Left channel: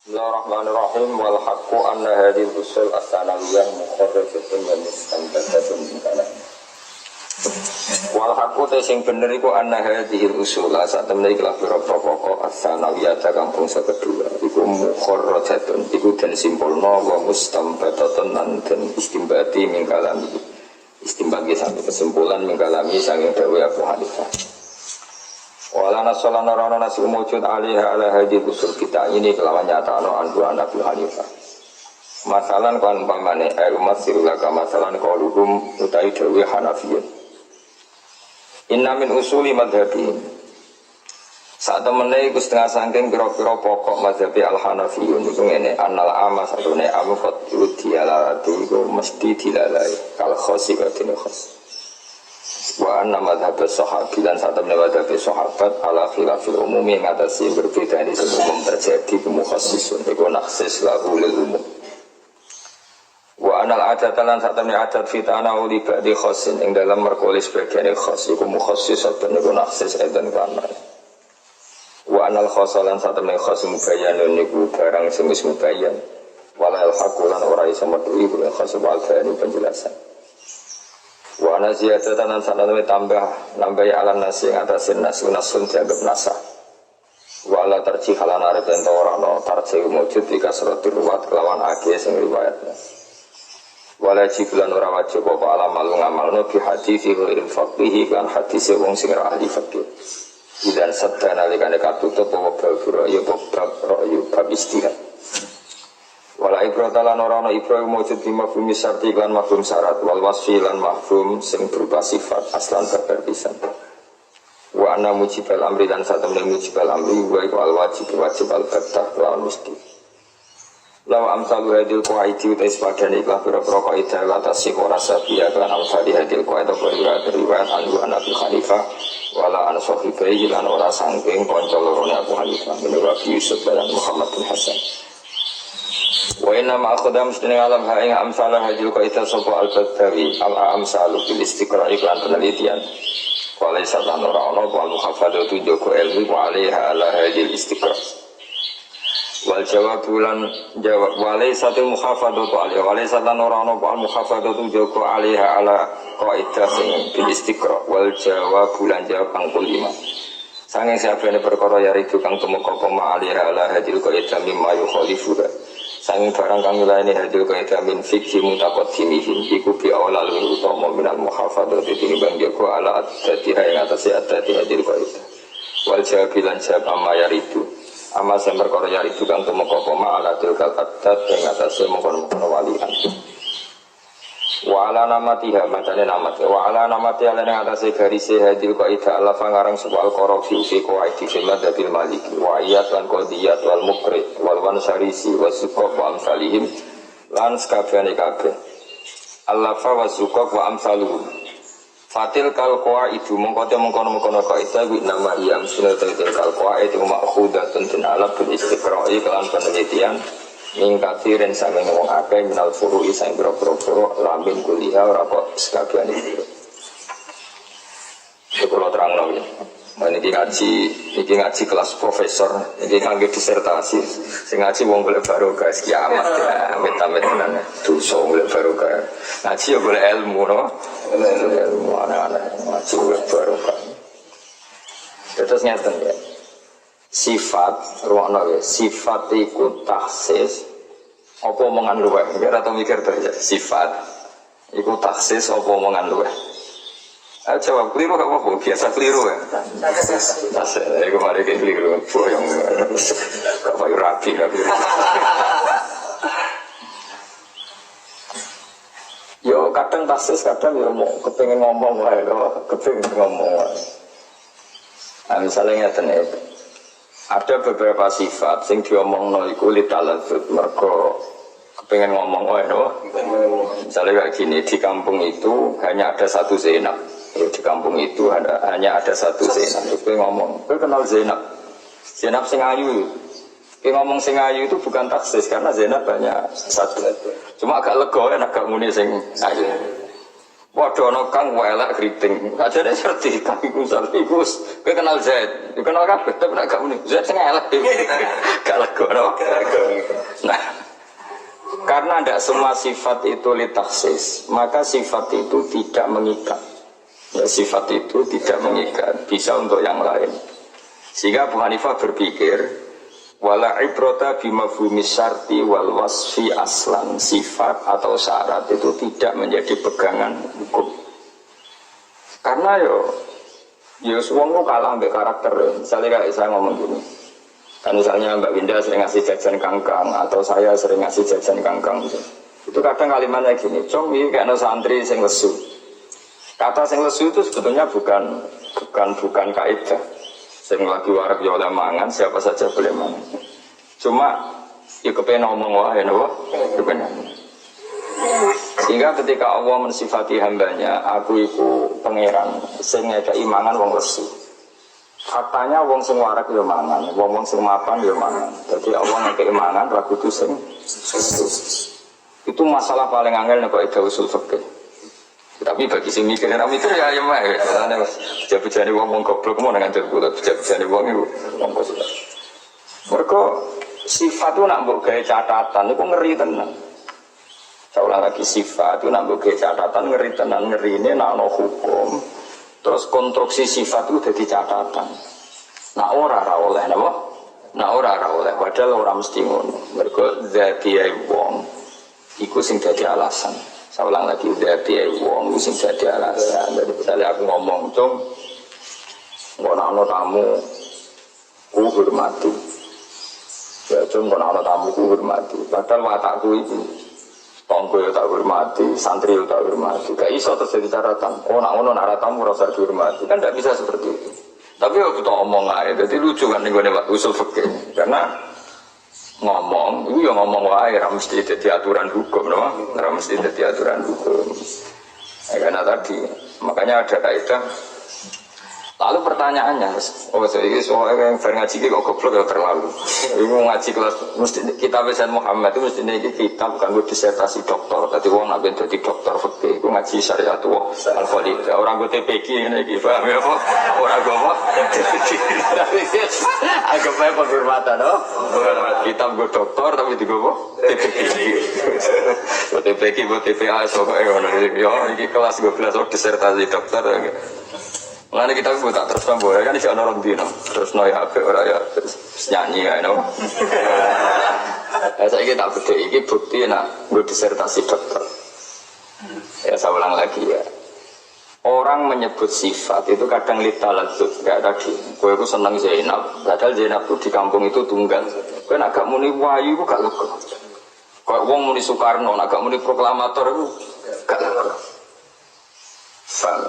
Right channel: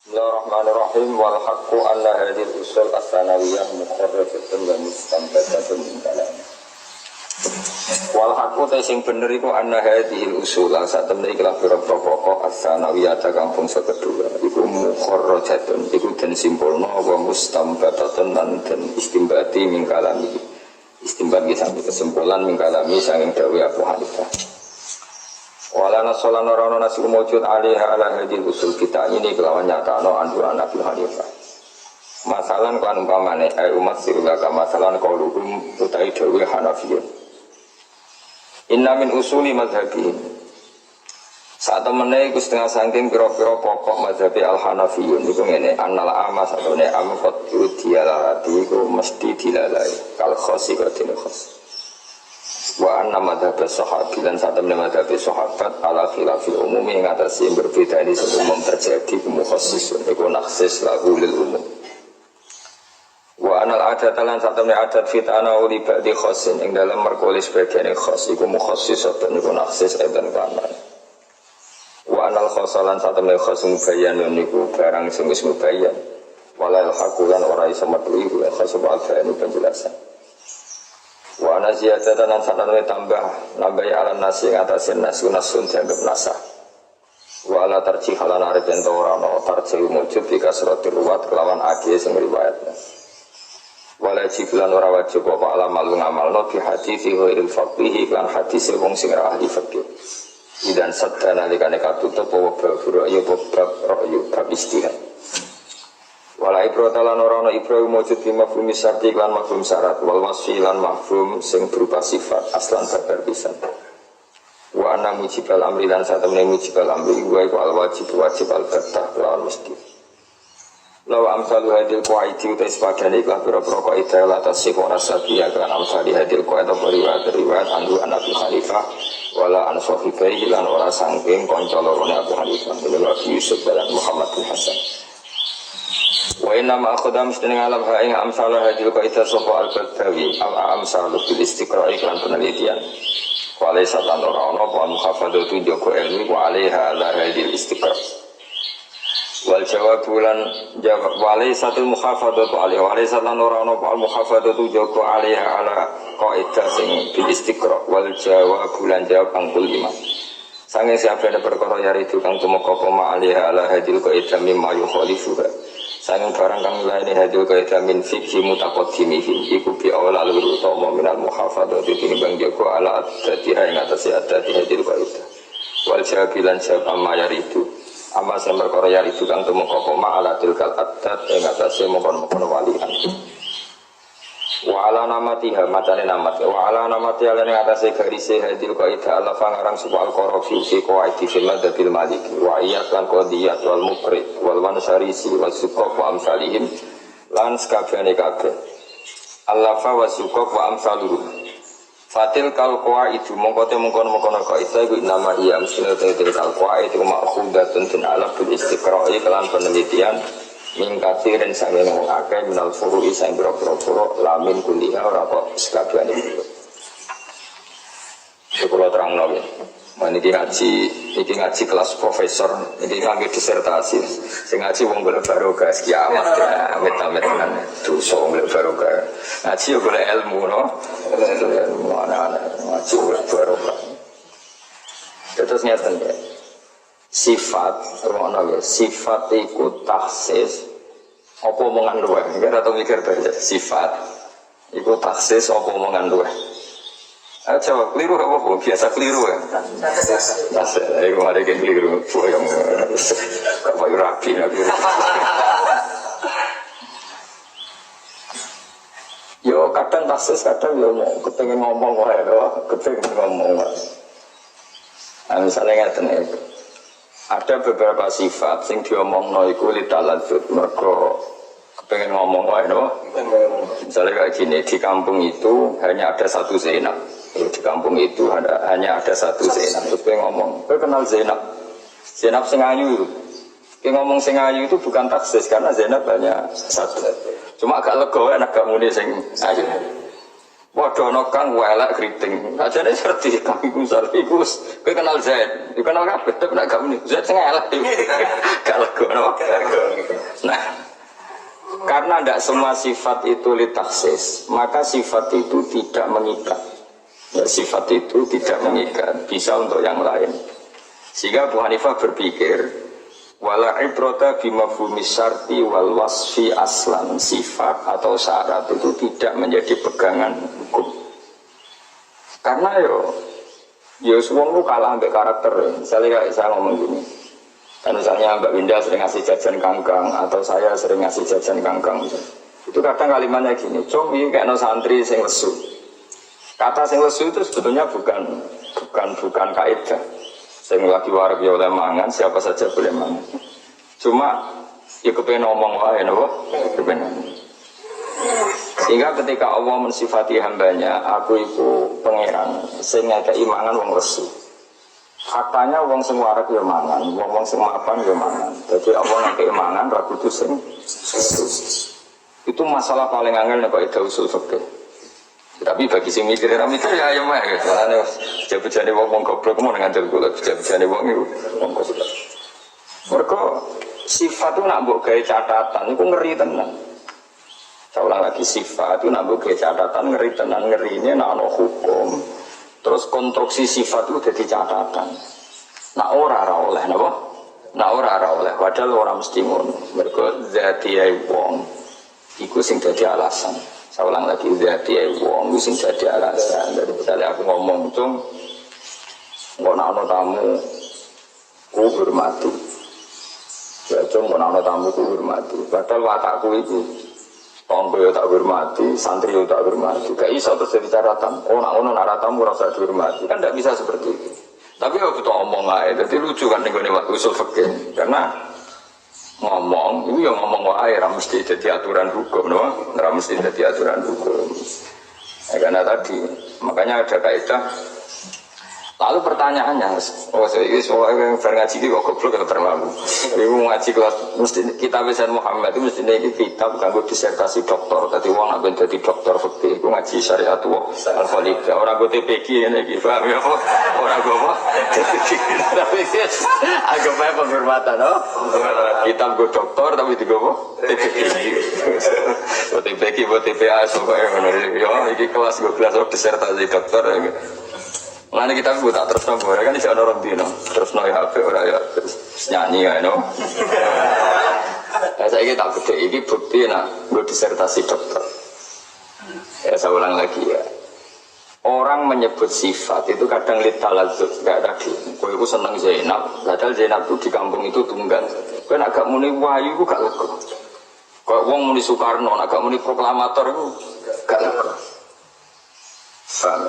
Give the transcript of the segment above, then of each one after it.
Bismillahirrahmanirrahim. Wal haqqu anna hadhil usul as-sanawiyah mukharrajatun wa mustanbatatun min kalam. Wal haqqu te sing bener iku anna hadhil usul sak temne iki lah pira-pira pokok as-sanawiyah kang bangsa kedua iku mukharrajatun iku den simpulna wa mustanbatatun lan den istimbati min kalami. Istimbat ki sampe kesimpulan min kalami saking dawuh Abu Hanifah. Wala nasolan orang nasi mujud alaiha ala hadil usul kita ini kelawan nyata no anduan Nabi Hanifah. Masalan kan umpamane umat sirulaka masalan qauluhum utai dawi Hanafiyun. Inna min usuli madhabi. Saat temene iku setengah saking pira-pira pokok madhabi al-Hanafiyun iku ngene annal amas atune amqat dialalati iku mesti dilalai kal khosi kadene khos. Wa anna madhab sahabi lan saat temen madhab sahabat ala khilafil umumi yang atas yang berbeda ini umum terjadi kemukhassisun iku naksis lahu lil umum wa anal adat lan saat temen adat fitana uli ba'di khassin yang dalam merkolis bagian khas iku mukhassisatun iku naksis edan kanan wa anal khassalan saat temen khas mubayyanun iku barang semis mubayyan walal haqulan ora iso metu iku khas wal bani penjelasan wa ana ziyadatan lan sanadane tambah nambahi alan nasi ing atasin nasun dianggap nasah wa ala tarjih halan arep ento ora ana tarjih wujud di kasratir ruwat kelawan age sing riwayatna wala jibulan ora wajib apa alam malu ngamalno bi hadis ghairil faqih lan hadis wong sing ora ahli fikih idan sadana likane katutup apa bab ya bab ra'yu bab istihad wala ibrata lan ora ana ibra mujud bi mafhum syarti lan mafhum syarat wal wasfi lan mafhum sing berupa sifat aslan babar pisan wa anna mujibal amri lan satemene mujibal amri wa iku al wajib al battah lawan mesti lawa amsalu hadil qaidi utais padane ikhlas pira-pira kaidah la tasih ora sabiya kan amsali hadil qaida riwayat anhu Nabi Hanifah wala an sahibai lan ora saking kanca lorone Abu Hanifah ini wa Yusuf dan Muhammad bin Hasan wa inna ma akhadam mesti ngalam ha ing amsalah hadil qaidah sapa al-badawi al-amsalu bil istiqra' iklan penelitian wala satan ora ana apa mukhafadatu joko ilmi wa alaiha ala hadil istiqra' wal jawab bulan jawab wala satul mukhafadatu alaiha wala satan ora ana apa mukhafadatu joko alaiha ala qaidah sing bil istiqra' wal jawab bulan jawab angkul 5 sange sabene perkara yaridu kang tumeka apa ma alaiha ala hadil qaidah mimma yukhalifuha sanging barang kang milaini hadil kaidah min fikhi mutaqaddimihim iku bi awla lur utama minal muhafadzati tinimbang jaga ala adatiha ing atase adati hadil kaidah wal jawabilan jawab amma yaridu amma sing perkara yaridu kang tumeka apa ma ala tilkal adat ing atase mongkon-mongkon walian wa ala namatiha macane namat wa ala namati ala ing atase garise hadil kaidah ala pangarang subal qarafi fi qawaidi fil madhabil maliki wa iyat lan qadiyat wal mukri wal wansarisi wasukok wa amsalihim lan sakabehane kabeh allafa wasukok wa amsaluhum fatil kal qawaidu mongko te mongkon-mongkon kaidah iku nama iya mesti til kal qawaid itu ma'khudatun tin alab bil istiqra'i kelan penelitian mingkatiren sange ngomong akeh minal furu'i sang boro-boro furu' lamin kuliah ora kok sekabehane furu'. Kula terangno iki. Iki ngaji kelas profesor, iki kangge disertasi. Sing ngaji wong golek barokah kiamat ya, amit-amit tenan. Dosa golek barokah. Ngaji yo golek ilmu no. Ilmu ana ngaji golek barokah. Terus ngeten ya. Sifat ruangna ya sifat iku taksis apa omongan luweh ora tau mikir to ya sifat iku taksis apa omongan luweh jawab keliru gak apa-apa biasa keliru ya taksis iku mari keliru boyong gak payu rapi yo kadang taksis kadang yo mau kepengin ngomong wae lho kepengin ngomong wae misalnya ngeten iki ada beberapa sifat sing diomongno iku litaladzut mergo kepengen ngomong wae no. Misalnya kayak gini di kampung itu hanya ada satu Zainab. Di kampung itu hanya ada satu Zainab. Kowe ngomong, kowe kenal Zainab. Zainab sing ayu. Kowe ngomong sing ayu itu bukan taksis karena Zainab hanya satu. Cuma agak lega enak gak muni sing ayu. Padha ana kang welek kriting. Sajane serti kang iku iku kowe kenal Zaid. Yo kenal kabeh tapi nek gak muni Zaid sing elek. Gak lega no. Nah, karena tidak semua sifat itu litaksis, maka sifat itu tidak mengikat. Ya, sifat itu tidak mengikat, bisa untuk yang lain. Sehingga Abu Hanifah berpikir wala ibrata bimafhumi syarti wal wasfi aslan, sifat atau syarat itu tidak menjadi pegangan hukum. Karena yo wong ku kalah ambek karakter. Misalnya kayak saya ngomong gini. Kan misalnya Mbak Winda sering ngasih jajan kangkang atau saya sering ngasih jajan kangkang. Itu kadang kalimatnya gini, "Cung, iki kayak no santri sing lesu." Kata sing lesu itu sebetulnya bukan kaidah. Sing lagi warak ya oleh mangan, siapa saja boleh mangan. Cuma ya kepengen ngomong wae napa? Kepengen. Sehingga ketika Allah mensifati hambanya, aku iku pangeran sing ngekeki mangan wong lesu. Faktanya wong sing warak ya mangan, wong sing mapan ya mangan. Jadi Allah ngekeki mangan ra kudu sing lesu. Itu masalah paling angel nek kok usul fikih. Tapi bagi sing mikir ya ayo mah ya. Soalnya bejane wong goblok mau ngandel kula, bejane wong iku wong goblok. Mergo sifat itu nak mbok gawe catatan iku ngeri tenan. Saya ulang lagi, sifat itu nak mbok gawe catatan ngeri tenan, ngerine nak ana hukum. Terus konstruksi sifat itu dadi catatan. Nak ora oleh napa? Nak ora oleh, padahal ora mesti ngono. Mergo zatiyae wong iku sing dadi alasan. Saya ulang lagi, zatiyae wong iku sing dadi alasan. Dari misalnya aku ngomong, "Cung, kok ana tamu ku hormati." Ya cung, kok ana tamu ku hormati. Padahal watakku iki tonggo ya tak hormati, santri ya tak hormati. Gak iso terus jadi catatan. Oh nak ngono nak tamu rasa dihormati. Kan tidak bisa seperti itu. Tapi ya kita omong aja. Jadi lucu kan ning gone usul fikih. Karena ngomong, itu ya ngomong wae, ora mesti dadi aturan hukum, no? Ora mesti dadi aturan hukum. Ya, karena tadi, makanya ada kaidah. Lalu pertanyaannya, ini soalnya yang ngaji kok goblok ya terlalu. Ini ngaji kelas, mesti kitab Sayyid Muhammad itu mesti ini kitab kanggo disertasi doktor. Tadi uang nak jadi doktor fikih, itu ngaji syariat al-Khalidah. Orang gue TPG ini, paham ya apa? Orang gue apa? TPG. Tapi agak banyak penghormatan, no? Kitab gue doktor tapi di gue apa? TPG. TPG, TPA, pokoknya. Ya, ini kelas gue kelas disertasi doktor. Mulane kita bu tak terus nopo ya kan iki ana orang dino terus no ya apik ora ya nyanyi ya no. Saiki tak bedhe iki bukti nek nggo disertasi dokter. Ya saya ulang lagi ya. Orang menyebut sifat itu kadang litalazzuz kayak tadi. Kowe iku seneng Zainab, padahal Zainab itu di kampung itu tunggal. Kowe nek gak muni wahyu iku gak lega. Kayak wong muni Soekarno, nek gak muni proklamator iku gak lega. Paham?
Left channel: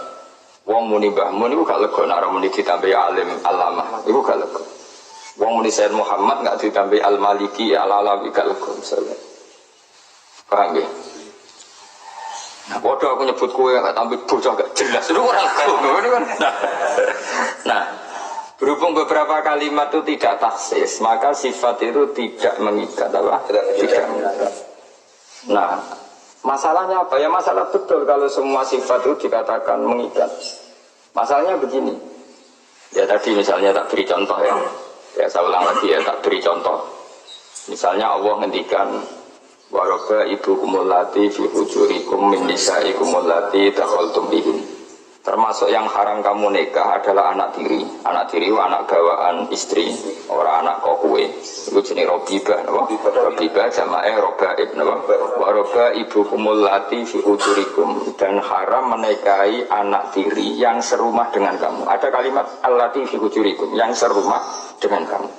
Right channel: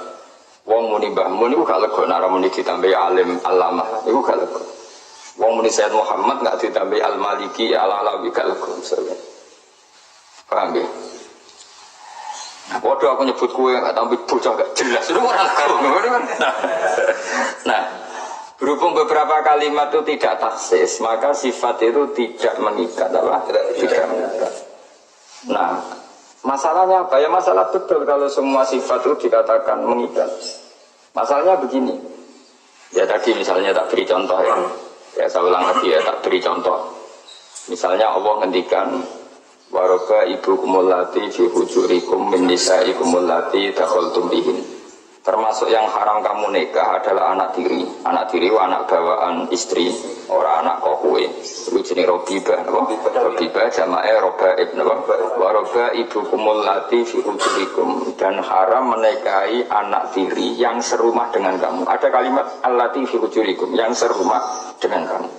Wong muni Mbah Mun iku gak lega nek muni ditambahi alim alamah iku gak lega. Wong muni Sayyid Muhammad gak ditambahi al-Maliki al-Alawi gak lega misalnya. Paham ya? Nah, bodoh aku nyebut kue gak tambah bocah gak jelas itu ora lega kan. Nah, berhubung beberapa kalimat itu tidak taksis, maka sifat itu tidak mengikat apa? Tidak mengikat. Nah, masalahnya apa? Ya masalah betul kalau semua sifat itu dikatakan mengikat. Masalahnya begini. Ya tadi misalnya tak beri contoh ya. Ya saya ulang lagi ya tak beri contoh. Misalnya Allah ngendikan waroba ibu kumulati fi hujurikum min nisaikum allati dakhaltum bihin. Termasuk yang haram kamu nikah adalah anak tiri. Anak tiri wa anak bawaan istri, ora anak kokue. Iku jenenge robibah napa? Robibah jamae robaib napa? Wa roba ibu kumulati fi hujurikum, dan haram menikahi anak tiri yang serumah dengan kamu. Ada kalimat allati fi hujurikum, yang serumah dengan kamu.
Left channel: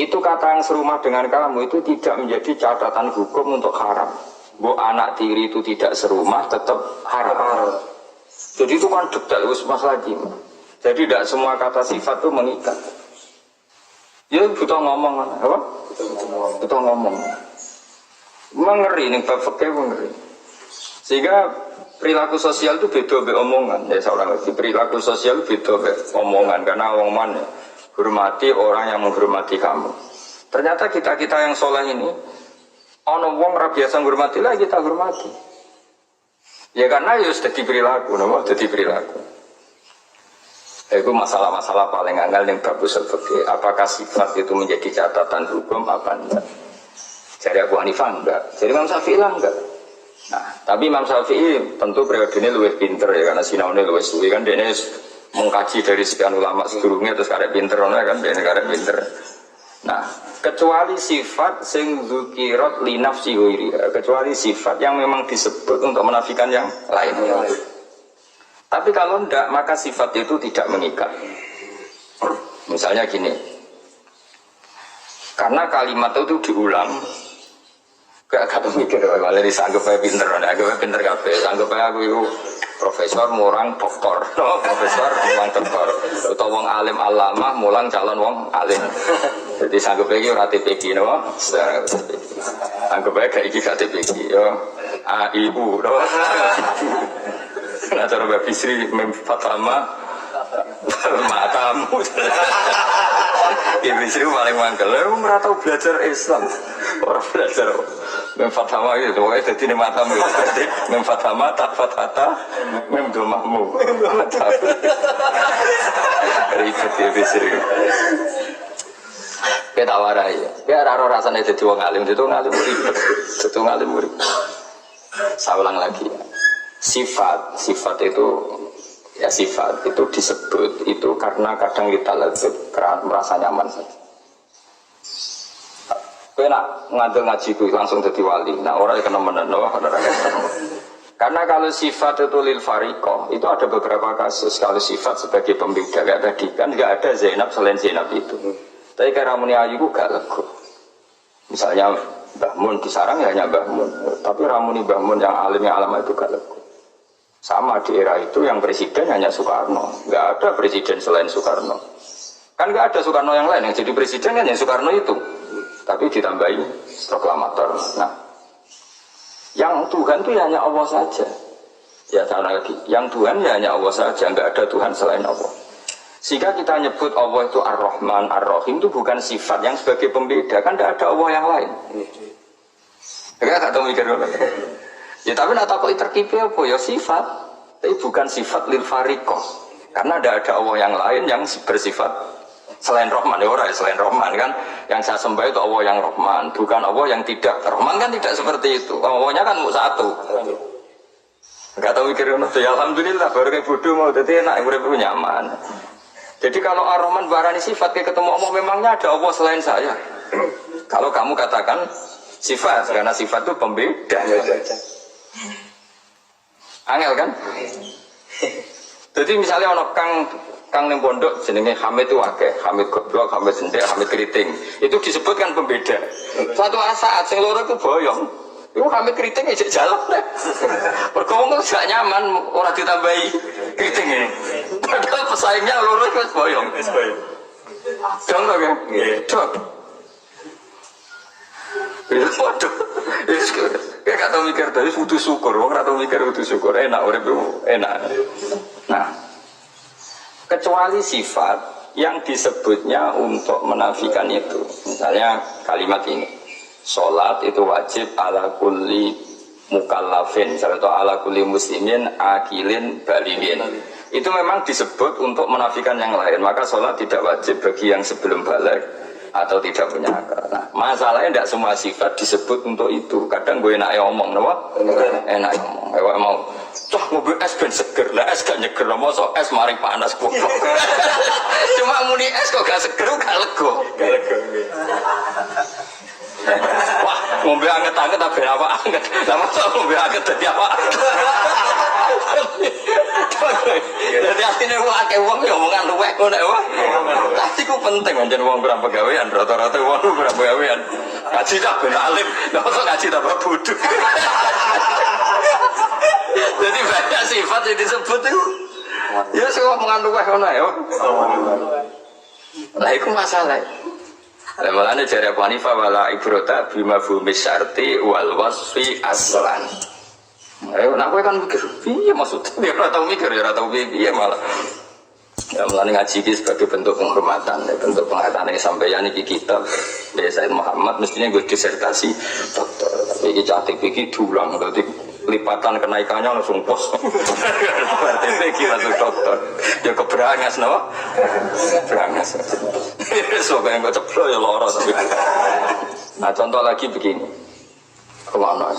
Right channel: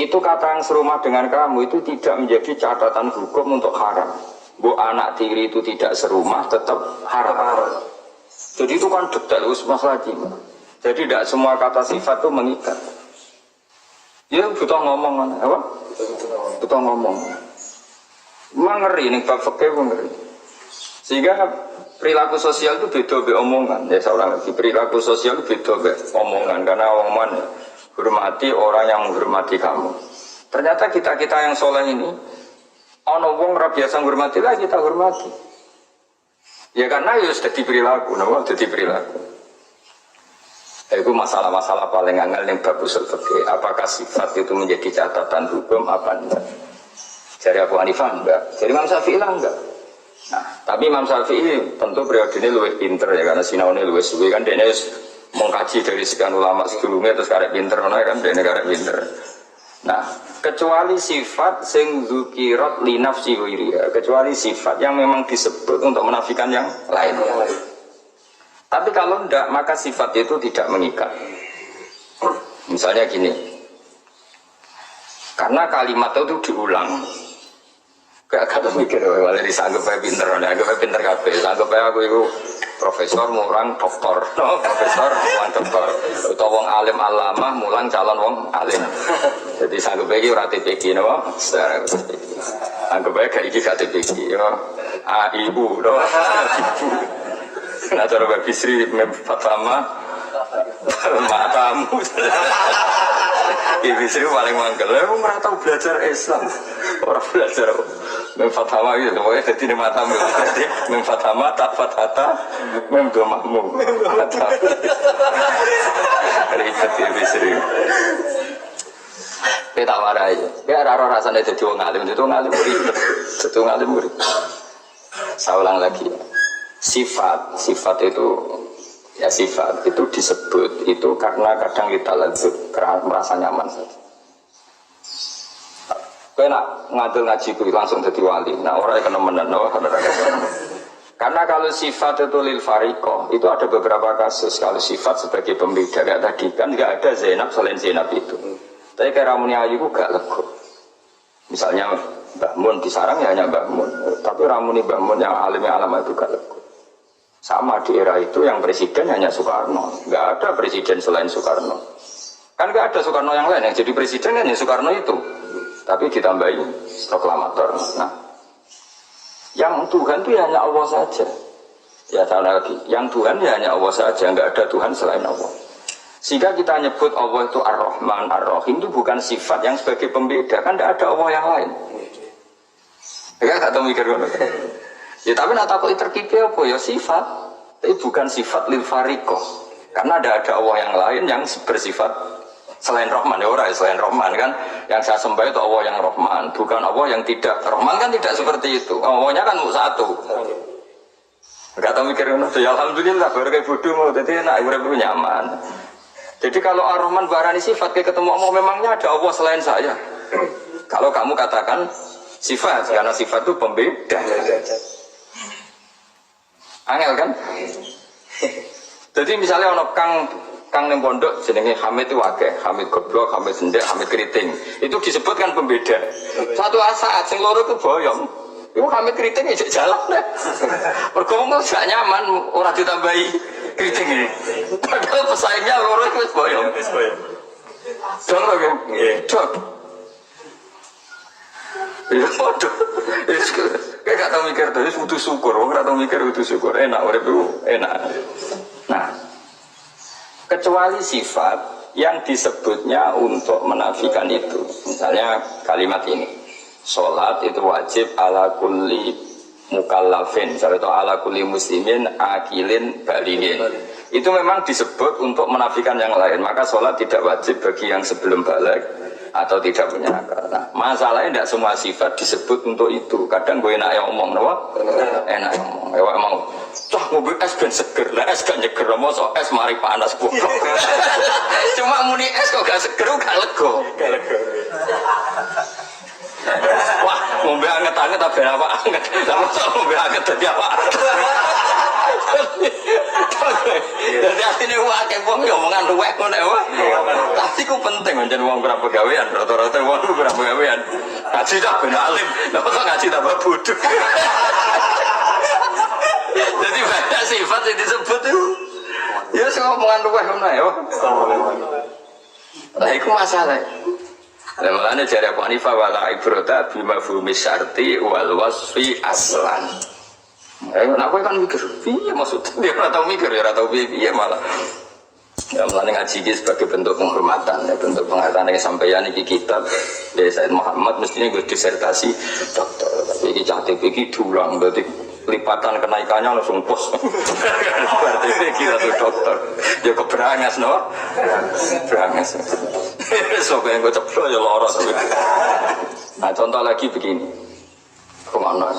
Itu kata yang serumah dengan kamu itu tidak menjadi catatan hukum untuk haram. Bu anak tiri itu tidak serumah tetap haram. Jadi itu kan detail mas lagi. Jadi tidak semua kata sifat itu mengikat. Ya butuh ngomong apa? Butuh ngomong. Mengeri nih bab fikih ngeri. Sehingga perilaku sosial itu beda be omongan. Ya seorang lagi perilaku sosial itu beda be omongan karena omongan hormati orang yang menghormati kamu. Ternyata kita yang soleh ini, ono wong ra biasa menghormati lah kita hormati. Ya karena ya sudah perilaku, nama jadi perilaku. Itu masalah-masalah paling angel yang bab usul fikih. Apakah sifat itu menjadi catatan hukum apa enggak? Jadi Abu Hanifah enggak, jadi Imam Syafi'i lah enggak. Nah, tapi Imam Syafi'i tentu periode ini lebih pinter ya karena sinaune lebih suwi kan dia mengkaji dari sekian ulama sedurunge terus karek pinter kan dia karek pinter. Nah, kecuali sifat sing dzukirat li nafsi ghairiha, kecuali sifat yang memang disebut untuk menafikan yang lain. Tapi kalau tidak, maka sifat itu tidak mengikat. Misalnya gini, karena kalimat itu diulang, gak mikir, malah disanggap aja pinter, anggap aja pinter kabeh, anggap aja aku itu profesor, murang doktor, no? Profesor, mulang doktor, atau wong alim alamah, mulang calon wong alim. Jadi sanggap aja ora TPQ, no? Anggap aja gak iki gak TPQ, yo AIU, no? Nah cara Mbak Bisri mem fatama matamu. Ibu Bisri paling mangkel. Lu ora tau belajar Islam. Orang belajar mem fatama itu pokoknya dadi ne matamu. Berarti mem fatama tak fathata mem domahmu. Ribet Ibu Bisri. Kita warai. Ya ora rasane dadi wong alim, dadi wong alim ribet. Dadi wong alim ribet. Saya ulang lagi ya. Sifat itu ya sifat itu disebut itu karena kadang kita lezat merasa nyaman saja. Kau nak ngadil ngaji ku langsung jadi wali. Nah orang yang kena menenun, karena kalau sifat itu lil fariqah itu ada beberapa kasus. Kalau sifat sebagai pembeda kayak tadi kan nggak ada Zainab selain Zainab itu. Tapi kayak Ramuni Ayu ku gak lego. Misalnya Mbah Mun disarang ya hanya Mbah Mun. Tapi Ramuni Mbah Mun yang alimnya alama itu gak lego. Sama di era itu yang presiden hanya Soekarno, nggak ada presiden selain Soekarno. Kan nggak ada Soekarno yang lain, yang jadi presiden kan hanya Soekarno itu. Tapi ditambahi proklamator. Nah, yang Tuhan itu hanya Allah saja. Ya tahu lagi, yang Tuhan ya hanya Allah saja, nggak ada Tuhan selain Allah. Sehingga kita nyebut Allah itu Ar-Rahman, Ar-Rahim itu bukan sifat yang sebagai pembeda, kan nggak ada Allah yang lain. Enggak tahu mikir ngono. Ya tapi nak takut terkipil apa ya sifat, tapi bukan sifat lil fariqah. Karena ada Allah yang lain yang bersifat selain Rahman, ya orang selain Rahman kan. Yang saya sembah itu Allah yang Rahman, bukan Allah yang tidak. Rahman kan tidak seperti itu. Allahnya kan satu. Enggak tahu mikir ngono. Ya alhamdulillah baru kayak bodoh mau dadi enak urip nyaman. Jadi kalau Ar-Rahman barani sifat kayak ketemu Allah memangnya ada Allah selain saya. Kalau kamu katakan sifat karena sifat itu pembeda. Angel kan? Jadi misalnya ono kang ning pondok jenenge Hamid itu akeh, Hamid goblok, Hamid sendek, Hamid keriting. Itu disebutkan pembeda. Suatu saat sing loro itu boyong. Iku Hamid keriting ijek jalan deh. Mergo wong gak nyaman ora ditambahi keriting iki. Padahal pesaingnya loro itu wis boyong. Dong to kan? Nggih. Dong. Ya waduh. Kayak gak tau mikir tadi butuh syukur, wong gak tau mikir butuh syukur, enak urip itu enak. Nah, kecuali sifat yang disebutnya untuk menafikan itu. Misalnya kalimat ini, sholat itu wajib ala kulli mukallafin, misalnya itu ala kulli muslimin akilin baligin. Itu memang disebut untuk menafikan yang lain, maka sholat tidak wajib bagi yang sebelum balik atau tidak punya akal. Nah, masalahnya tidak semua sifat disebut untuk itu. Kadang gue enak ngomong, apa? Enak ngomong. Ewek mau, cah ngobrol es ben seger, lah es gak nyeger, masa es mari panas goblok. Cuma muni es kok gak seger, gak lego. Gak lego. Wah, ngombe anget-anget tapi apa anget? Lah masa ngombe anget dadi apa? Jadi artinya wae wong yo omongan luwek ngono wae. Tapi ku penting pancen wong kurang pegawean, rata-rata wong kurang pegawean. Ngaji tak ben alim, lha kok ngaji tambah bodoh. Jadi banyak sifat yang disebut itu. Ya sing omongan luwek ngono ae. Lah iku masalah. Lah malane jare Abu Hanifah wala ibrata bima fumis syarti wal wasfi aslan. Nak kowe kan mikir, piye maksudnya? Dia ora tau mikir, ya ora tau piye malah. Ya mulane ngaji iki sebagai bentuk penghormatan, ya, bentuk penghormatan yang sampeyan iki kitab Said Muhammad mestinya gue disertasi doktor, tapi iki CTP iki dulang, berarti lipatan kenaikannya langsung pos. Berarti gila tuh dokter. Ya keberangas no. Berangas. So kayak gue ceplo ya loro tapi. Nah contoh lagi begini. Kemana?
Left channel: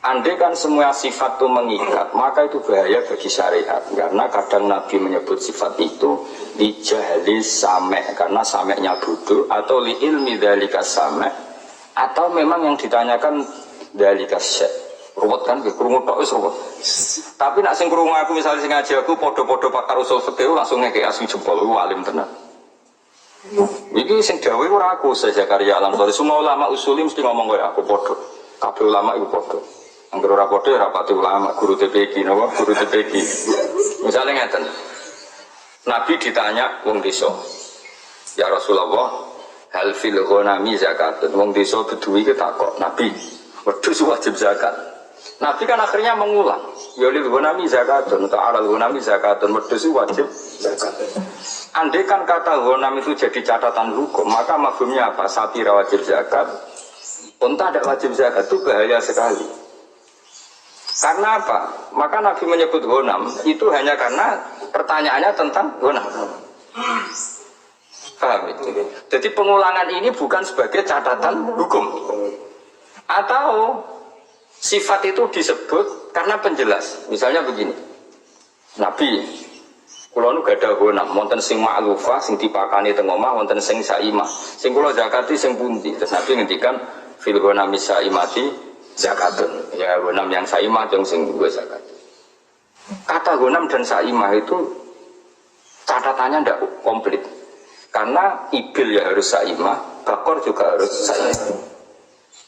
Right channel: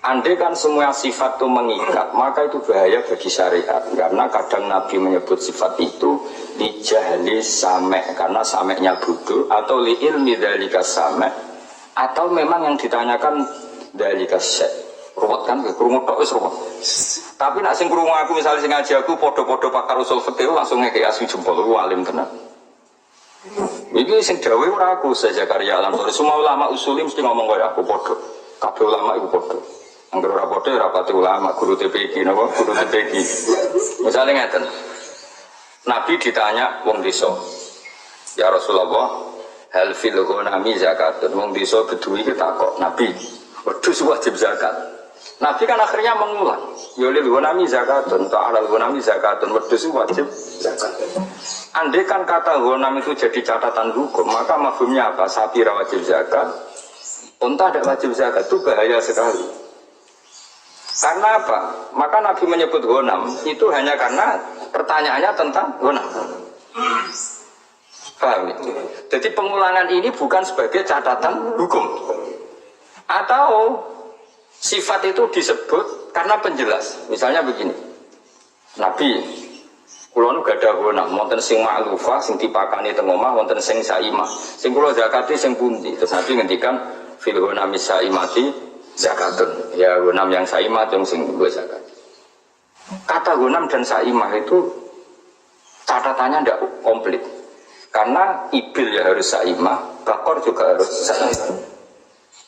Andai kan semua sifat itu mengikat, maka itu bahaya bagi syariat. Karena kadang Nabi menyebut sifat itu li jahli same, karena sameknya bodoh, atau li ilmi dzalika same, atau memang yang ditanyakan dzalika syai'. Ruwet kan, krungu tok wis ruwet. Tapi nak sing krungu aku misalnya sing ngaji aku podo-podo pakar usul fikih langsung ngekek asli jempol, alim tenan. Iki sing dawuh ora aku Zakaria Al-Ansari, semua ulama usulim mesti ngomong kaya aku podo. Kabeh ulama iku podo. Angger ora padha ora pati ulama, guru TPQ napa? Guru TPQ. Misalnya ngeten. Nabi ditanya wong desa. Ya Rasulullah, hal fil ghanami zakatun. Wong desa Bedui ki takok, Nabi, wedhus wajib zakat. Nabi kan akhirnya mengulang. Ya lil ghanami zakatun, ta'alal ghanami zakatun, wedhus wajib zakat. Andai kan kata ghanam itu jadi catatan hukum, maka mafhumnya apa? Sapi ra wajib zakat, unta tidak wajib zakat, itu bahaya sekali. Karena apa? Maka Nabi menyebut ghanam itu hanya karena pertanyaannya tentang ghanam. Paham? Jadi pengulangan ini bukan sebagai catatan hukum. Atau sifat itu disebut karena penjelas. Misalnya begini. Nabi, kula nu gadah ghanam, wonten sing ma'lufah, sing dipakani teng omah, wonten sing saimah. Sing kula zakati sing pundi? Terus Nabi ngendikan fil ghanami saimati zakatun. Ya ghanam yang saimah yang sing gue zakat. Kata ghanam dan saimah itu catatannya tidak komplit. Karena ibil ya harus saimah, bakor juga harus saimah.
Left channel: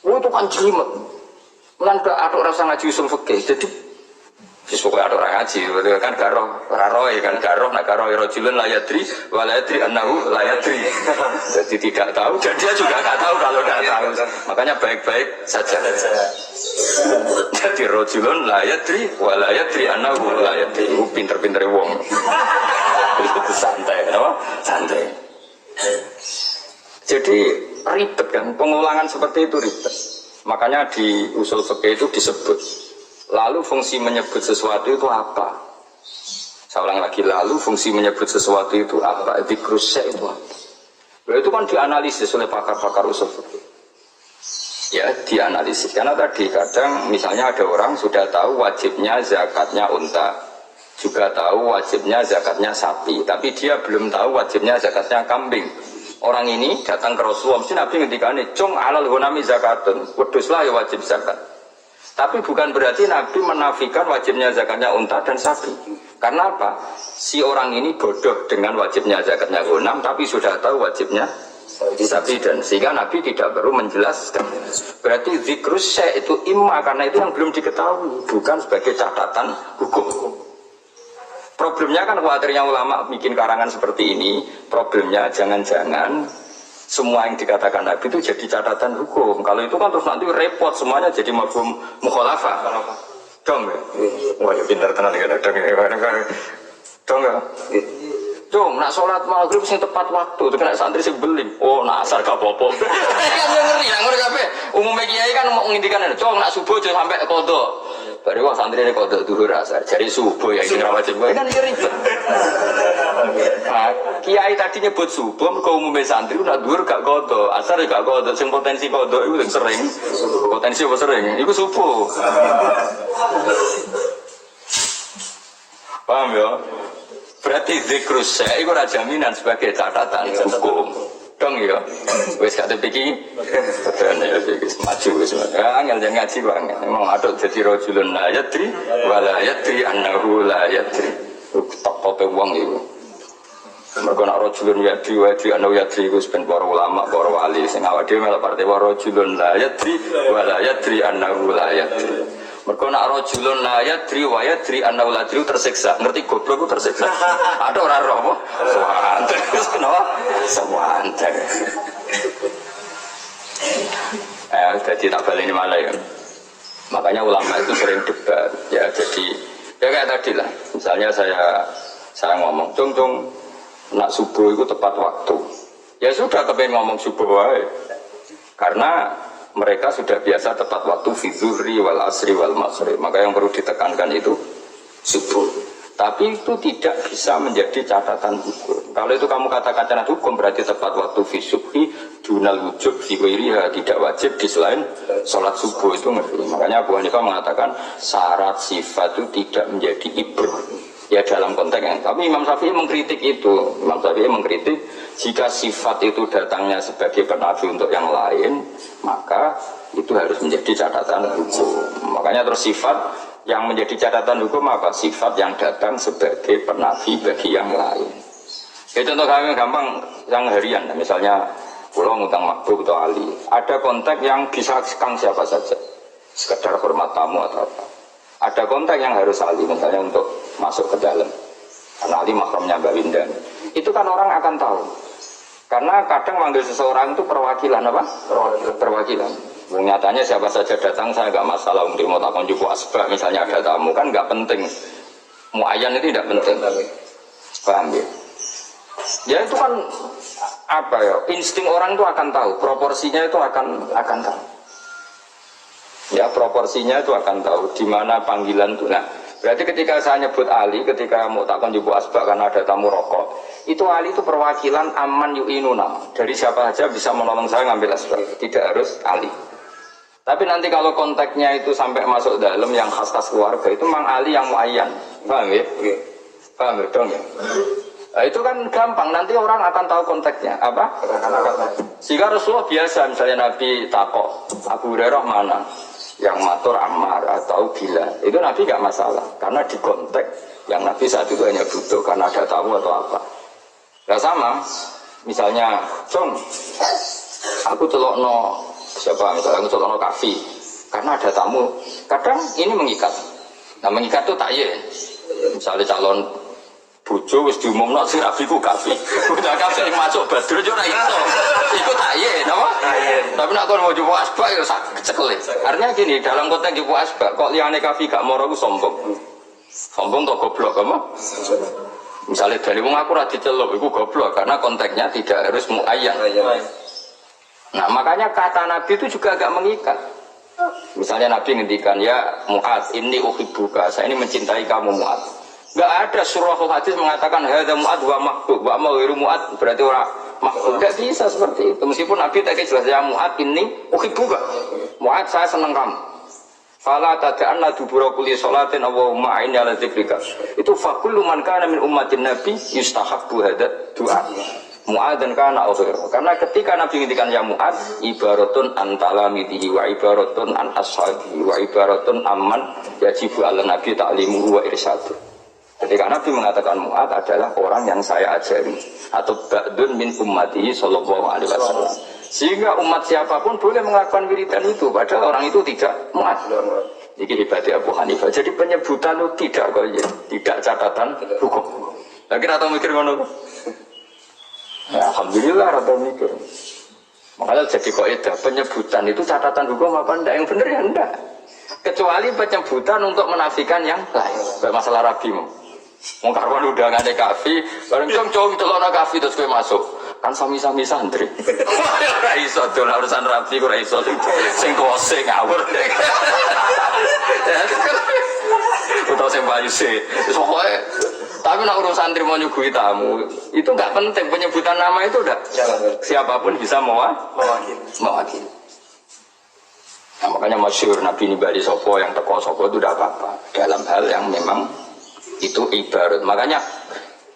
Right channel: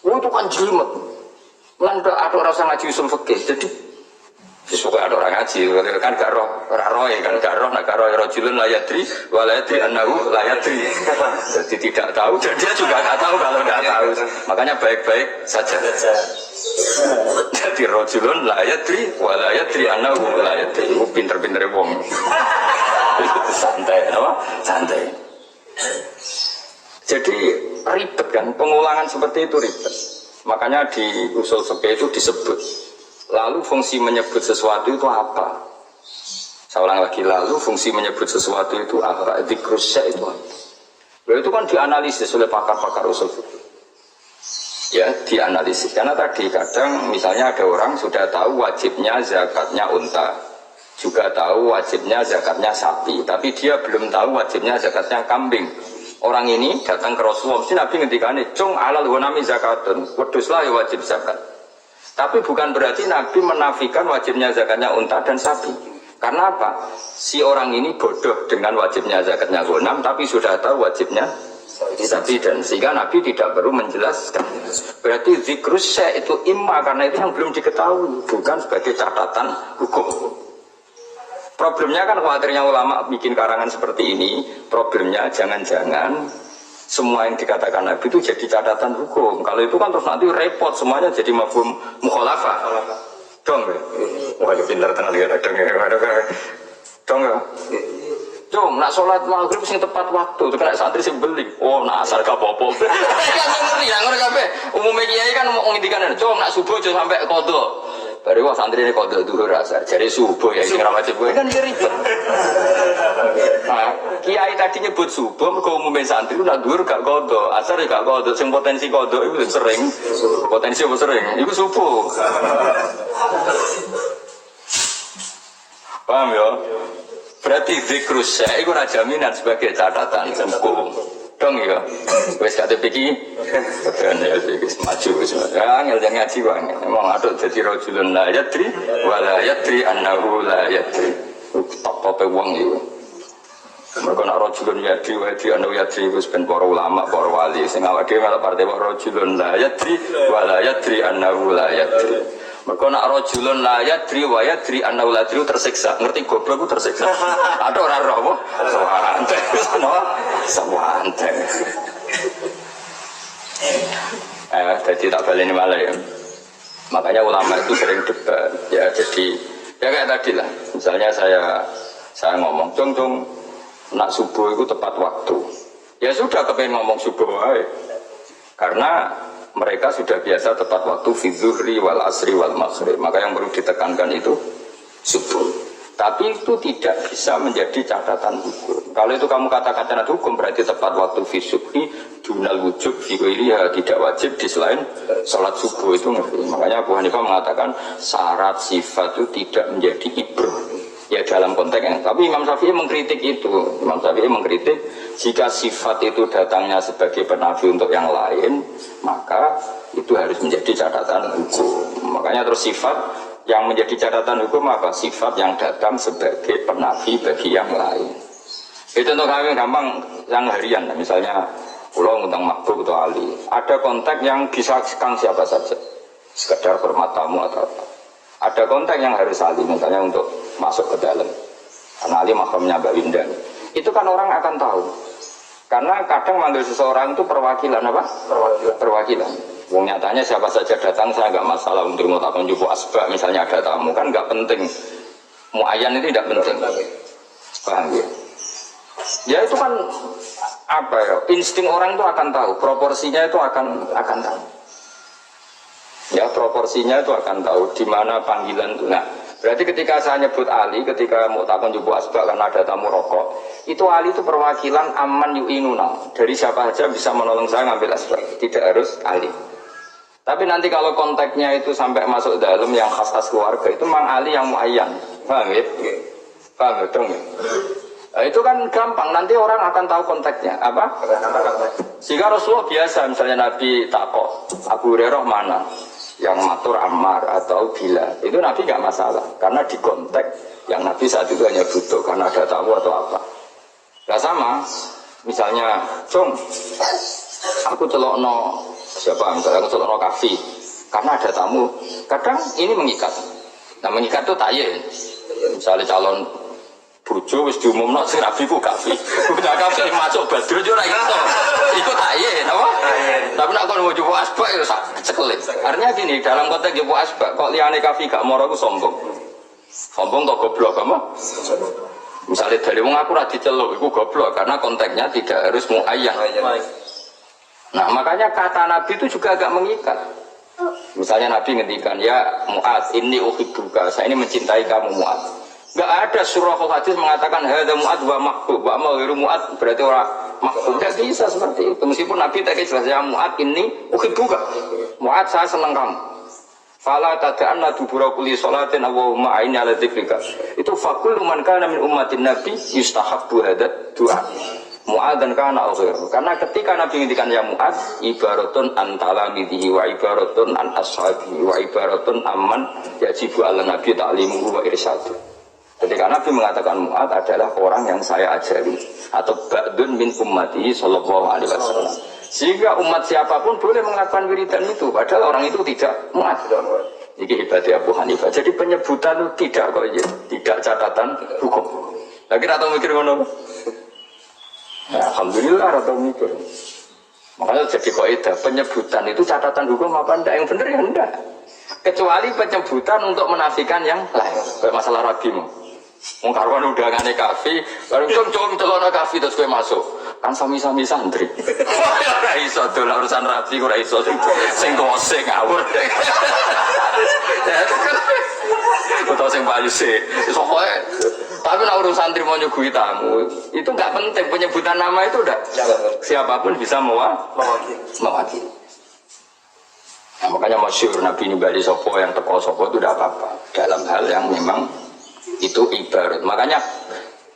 Oh itu kan jelimet. Lan ada rasa ngaji usul fikih. Jadi pokoknya ada orang ngaji, kan gak roh, raroy kan gak roh, nak roh rojulun layadri, walayadri annahu layadri. Jadi tidak tahu dan dia juga gak tahu kalau tidak tahu. Makanya baik-baik saja. Jadi rojulun layadri, walayadri annahu layadri. Pinter-pinter wong. Itu santai, apa? Santai. Jadi ribet kan, pengulangan seperti itu ribet. Makanya di usul fikih itu disebut. Lalu fungsi menyebut sesuatu itu apa? Saya ulang lagi, lalu fungsi menyebut sesuatu itu apa? Dzikrus syai' itu apa? Itu kan dianalisis oleh pakar-pakar usul fikih. Ya, dianalisis. Karena tadi kadang misalnya ada orang sudah tahu wajibnya zakatnya unta, juga tahu wajibnya zakatnya sapi, tapi dia belum tahu wajibnya zakatnya kambing. Orang ini datang ke Rasulullah, mesti Nabi ngendikane, "Cung alal ghanami zakatun." Wedhuslah ya wajib zakat. Tapi bukan berarti Nabi menafikan wajibnya zakatnya unta dan sapi. Karena apa? Si orang ini bodoh dengan wajibnya zakatnya ghanam, tapi sudah tahu wajibnya sapi, dan sehingga Nabi tidak perlu menjelaskan. Berarti zikrus syai' itu imma karena itu yang belum diketahui, bukan sebagai catatan hukum. Problemnya kan khawatirnya ulama bikin karangan seperti ini. Problemnya jangan-jangan semua yang dikatakan Nabi itu jadi catatan hukum. Kalau itu kan terus nanti repot, semuanya jadi mafhum mukhalafah. Dong ya? Wah ya pintar tenan ya, dong ya. Dong ya? Dong, nak sholat maghrib sing tepat waktu, itu kena santri sing beling. Oh, nak asar gak apa-apa. Kan yang ngeri, yang ngeri kabeh. Umumnya kiai kan mau ngintikan, dong nak subuh aja sampai kodok. Baru wah santri ini kodok duhur asar, jadi subuh ya, sing ra wajib kan ribet. Nah, kiai tadi nyebut subuh, mereka umumnya santri itu nak duhur gak kodok, asar gak kodok, sing potensi kodok itu sering. Potensi apa sering? Itu subuh. Paham ya? Berarti zikrus syai' itu jaminan sebagai catatan hukum. Dong ya. Wis gak tepiki. Betul ya wis maju wis. Ya angel jangan ngaji kok angel. Memang aduk dadi rajulun la yadri wa la yadri annahu la yadri. Top-tope wong iku. Mergo nek rajulun yadri wa yadri annahu yadri iku ben para ulama, para wali sing awake dhewe melok partai rajulun la yadri wa la yadri annahu la yadri. Mereka nak rojulun la yadri wa yadri annahu la yadri tersiksa. Ngerti goblok ku tersiksa. Ada orang roh apa? Sewante. Sewante. Jadi tak baleni malah ya. Makanya ulama itu sering debat. Ya jadi ya kayak tadi lah. Misalnya saya ngomong, cung nak subuh itu tepat waktu. Ya sudah kepengen ngomong subuh wae. Karena mereka sudah biasa tepat waktu fi zuhri wal asri wal maghrib. Maka yang perlu ditekankan itu subuh. Tapi itu tidak bisa menjadi catatan hukum. Kalau itu kamu katakan catatan hukum berarti tepat waktu fi subhi dunal wujub fi ghairiha, tidak wajib di selain sholat subuh itu ngeri. Makanya Abu Hanifah mengatakan syarat sifat itu tidak menjadi ibrah. Ya dalam konteks yang, tapi Imam Syafi'i mengkritik itu. Imam Syafi'i mengkritik jika sifat itu datangnya sebagai penafi untuk yang lain, maka itu harus menjadi catatan hukum. Makanya terus sifat yang menjadi catatan hukum apa? Sifat yang datang sebagai penafi bagi yang lain. Itu contoh kami gampang yang harian, misalnya pulau ngutang Mahbub atau Ali. Ada konteks yang bisa kang siapa saja, sekedar hormat tamu atau apa. Ada konteks yang harus Ali, misalnya untuk masuk ke dalam. Karena Ali mahramnya Mbak Winda. Itu kan orang akan tahu. Karena kadang manggil seseorang itu perwakilan apa? Perwakilan. Wong nyatanya siapa saja datang saya nggak masalah untuk mau takon jupu asbak misalnya ada tamu kan nggak penting. Muayyan itu tidak penting. Paham ya? Ya itu kan apa ya? Insting orang itu akan tahu. Proporsinya itu akan tahu. Ya proporsinya itu akan tahu di mana panggilan itu. Nah, berarti ketika saya nyebut Ali, ketika mau takon jubu asbak karena ada tamu rokok, itu Ali itu perwakilan aman yu'inuna. Dari siapa saja bisa menolong saya ngambil asbak, tidak harus Ali. Tapi nanti kalau konteksnya itu sampai masuk dalam yang khas-khas keluarga, itu memang Ali yang muayyan. Paham ya? Paham ya dong ya? Nah, itu kan gampang, nanti orang akan tahu konteksnya. Apa? Sehingga Rasulullah biasa, misalnya Nabi takok, Abu Hurairah mana? Yang matur Ammar atau Bilal, itu Nabi gak masalah karena di konteks yang Nabi saat itu hanya butuh karena ada tamu atau apa. Gak sama, misalnya Jong, aku celokno siapa, misalnya aku celokno Kafi karena ada tamu, kadang ini mengikat. Nah mengikat itu takyin, misalnya calon bojo wis diumumno sing rabi ku Kafi. Udah Kafi masuk Badrun yo ora iso. Iku takyin apa? Tapi nek kon mau jupo asbak ya sak cekelin. Artinya gini, dalam konteks jupo asbak kok liyane Kafi gak moro ku sombong. Sombong to goblok apa? Misalnya dari wong aku ra diceluk iku goblok karena konteksnya tidak harus muayyan. Nah, makanya kata Nabi itu juga agak mengikat. Misalnya Nabi ngendikan ya Mu'ad, inni uhibbuka, saya ini mencintai kamu Mu'ad. Enggak ada surah hadis mengatakan hadza Mu'ad wa mahbub, wa ma ghairu Mu'ad berarti orang mahbub. Enggak bisa seperti itu. Meskipun Nabi tak jelas ya Mu'ad inni uhibbuka. Mu'ad saya senang kamu. Fala tad'anna dubura kulli sholatin Allahumma a'inni ala dzikrika. Itu fakullu man kana min ummatin Nabi yustahabbu hadza du'a. Mu'ad dan kana akhir. Karena ketika Nabi ngendikan ya Mu'ad, ibaratun an talamidihi wa ibaratun an ashabihi wa ibaratun amman yajibu ala nabi ta'limuhu wa irsyadu. Ketika Nabi mengatakan Mu'ad adalah orang yang saya ajari atau ba'dun min ummatihi sallallahu alaihi wasallam. Sehingga umat siapapun boleh melakukan wiridan itu padahal orang itu tidak Mu'ad. Ini hebatnya Abu Hanifah. Jadi penyebutan itu tidak kok tidak catatan hukum. Lagi atau mikir ngono. Ya, alhamdulillah rata mikir. Makanya jadi kaidah penyebutan itu catatan hukum apa enggak? Yang benar ya enggak. Kecuali penyebutan untuk menafikan yang lain. Kayak masalah rabimu. Wong karuan undangane kafe, bareng cong celana kafe terus kowe masuk. Kan sami-sami santri. Ora iso dolan urusan rabi ora iso sing tuwase ngawur. Utawa sing payu sih. Pokoke tapi nak urusan santri mau nyuguhi tamu itu enggak penting, penyebutan nama itu udah siapapun bisa mewakili. Nah, makanya masyhur Nabi nimbali sopo yang teko sopo itu tidak apa-apa dalam hal yang memang itu ibarat. Makanya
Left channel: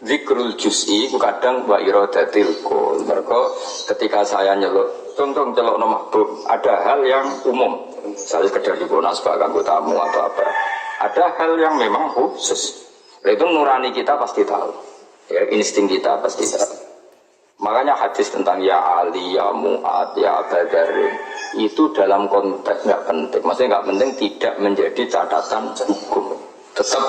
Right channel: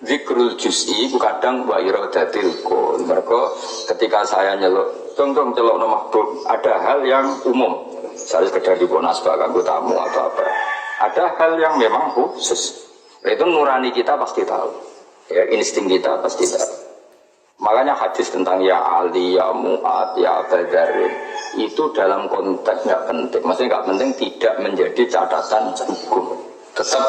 zikrul juz'i ku kadang wa iradatil kul. Mergo ketika saya nyeluk tong celok no mahbub, ada hal yang umum. Misalnya sekedar dibawa nasbah kanggo tamu atau apa. Ada hal yang memang khusus. Itu nurani kita pasti tahu. Ya, insting kita pasti tahu. Makanya hadis tentang ya Ali, ya Mu'ad, ya Badarin itu dalam konteks nggak penting. Maksudnya nggak penting tidak menjadi catatan hukum. Tetap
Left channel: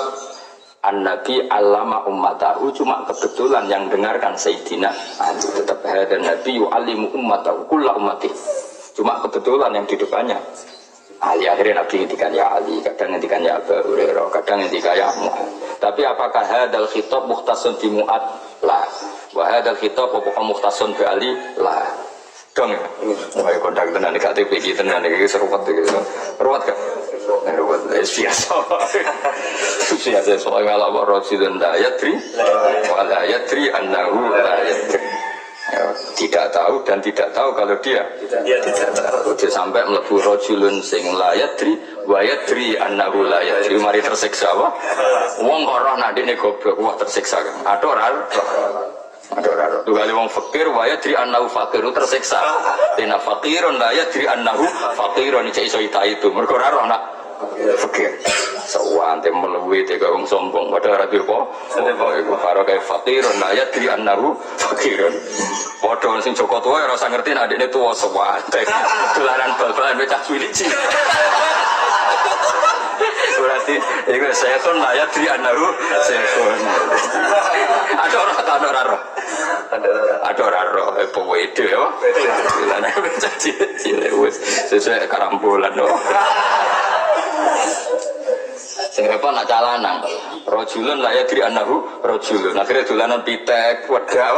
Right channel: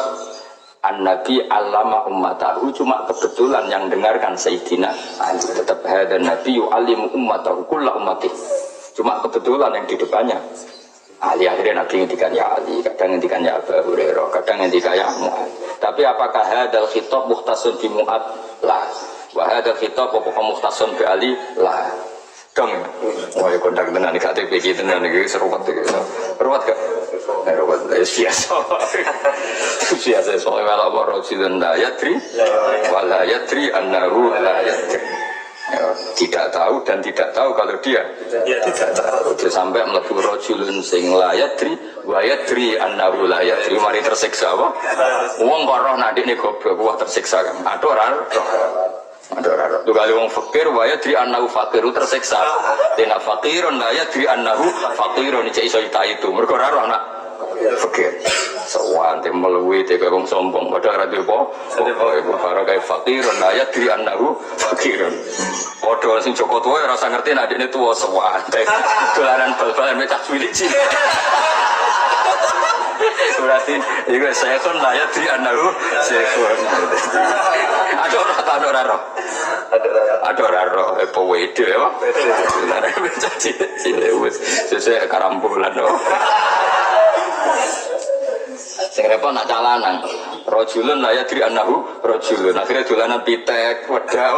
An-Nabi allama ummatahu, cuma kebetulan yang dengarkan Sayyidina Ali. Tetap hadan Nabi yu'allimu ummatahu kulla ummatih. Cuma kebetulan yang di depannya Ali. Akhirnya Nabi ngendikan ya Ali, kadang ngendikan ya Abu Hurairah, kadang ngendikan ya Mu'ad. Tapi apakah hadal khitab mukhtasun bi Mu'ad? Lah. Wa hadal khitab apa mukhtasun bi Ali? Lah. Dong ya. Wah, kondak tenan gak TPG tenan iki seruwet iki. Ruwet gak? Ruwet biasa. Biasa soal malah Rasulun la yadri wala yadri annahu la yadri. Ya, tidak tahu dan tidak tahu kalau dia tidak tahu. Dia sampai mlebu rajulun sing la yadri wa yadri annahu la yadri. Mari tersiksa apa? Wong kok roh nak ndekne goblok wah tersiksa kan. Aduh ora roh. Aduh ora roh. Tukale wong fakir wa yadri annahu fakiru tersiksa. Dena fakirun la yadri annahu fakirun iki iso itu. Mergo ora roh nak fakir. Sawan te meluwi te wong sombong padha ora duwe apa. Iku karo kae fakirun la yadri annahu fakirun. Padha sing Joko tuwa ora usah ngerti nek adikne tuwa sawan. Dolanan bal-balan mecah cilik. Berarti iku sekon la yadri annahu sekon. Ada ora roh. Ada ora roh. Apa wede ya? Dolanan mecah cilik wis sesuk karambulan. Sing repot nak calanang. Rajulun la yadri annahu rajulun. Akhire dolanan pitek, wedak.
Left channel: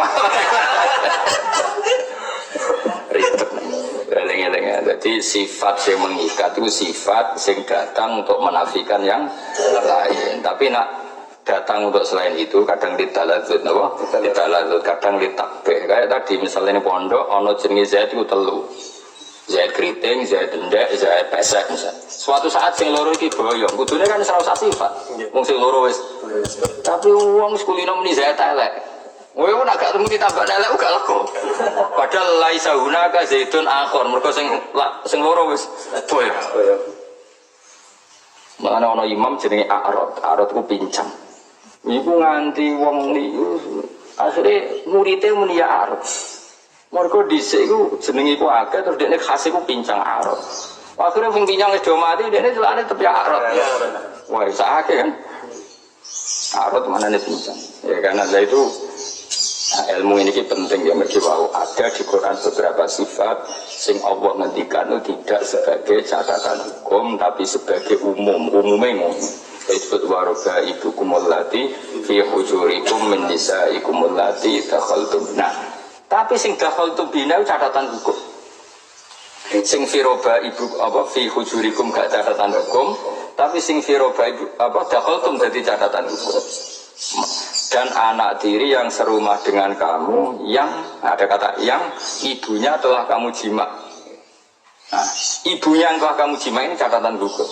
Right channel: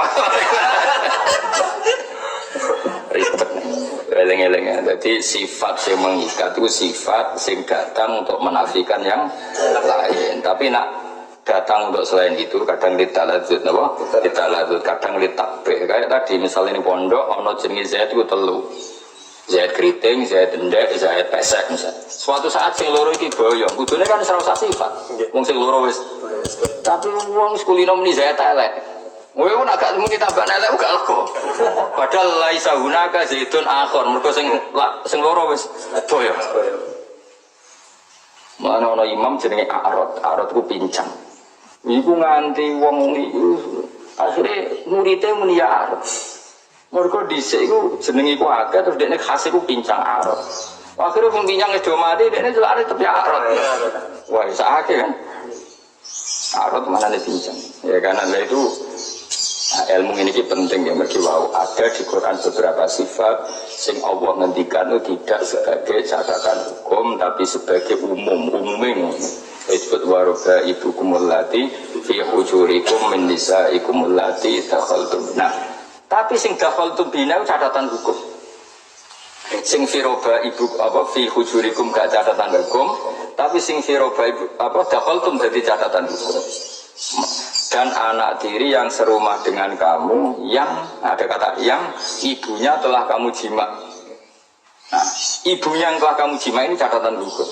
Ribet. Eleng-eleng ya. Jadi sifat yang mengikat itu sifat yang datang untuk menafikan yang lain. Tapi nak datang untuk selain itu kadang litaladzud, napa? Litaladzud, kadang litakbih. Kayak tadi misalnya ini pondok ana jenenge Zaid itu telu. Zaid keriting, Zaid ndek, Zaid pesek misal. Suatu saat sing loro iki boyong, kudune kan ora usah sifat. Wong sing loro wis. Tapi wong kulino muni Zaid elek. Kowe nak gak muni tambah elek gak lego. Padahal laisa hunaka zaitun akhir, mergo sing loro wis boyong. Mana ana imam jenenge A'rad, A'rad ku pincang. Iku nganti wong niku akhire muridé muni ya A'rad. Mergo dhisik iku jenenge iku akeh terus dekne khas iku pincang A'rad. Akhire wong pincang wis do mati dekne celane tepi A'rad. Wah, sakake kan. A'rad manane pincang. Ya kan Allah itu ilmu ini penting ya mergi wau ada di Quran beberapa sifat sing Allah ngendikan itu tidak sebagai catatan hukum tapi sebagai umumnya ngono. Disebut waroba ibukumul lati fi hujurikum min nisaikumul lati dakhaltum. Nah, tapi sing dakhaltum bina itu catatan hukum. Sing firoba ibu apa fi hujurikum gak catatan hukum, tapi sing firoba ibu apa dakhaltum jadi catatan hukum. Dan anak tiri yang serumah dengan kamu yang ada kata yang ibunya telah kamu jima. Nah, ibunya yang telah kamu jima ini catatan hukum.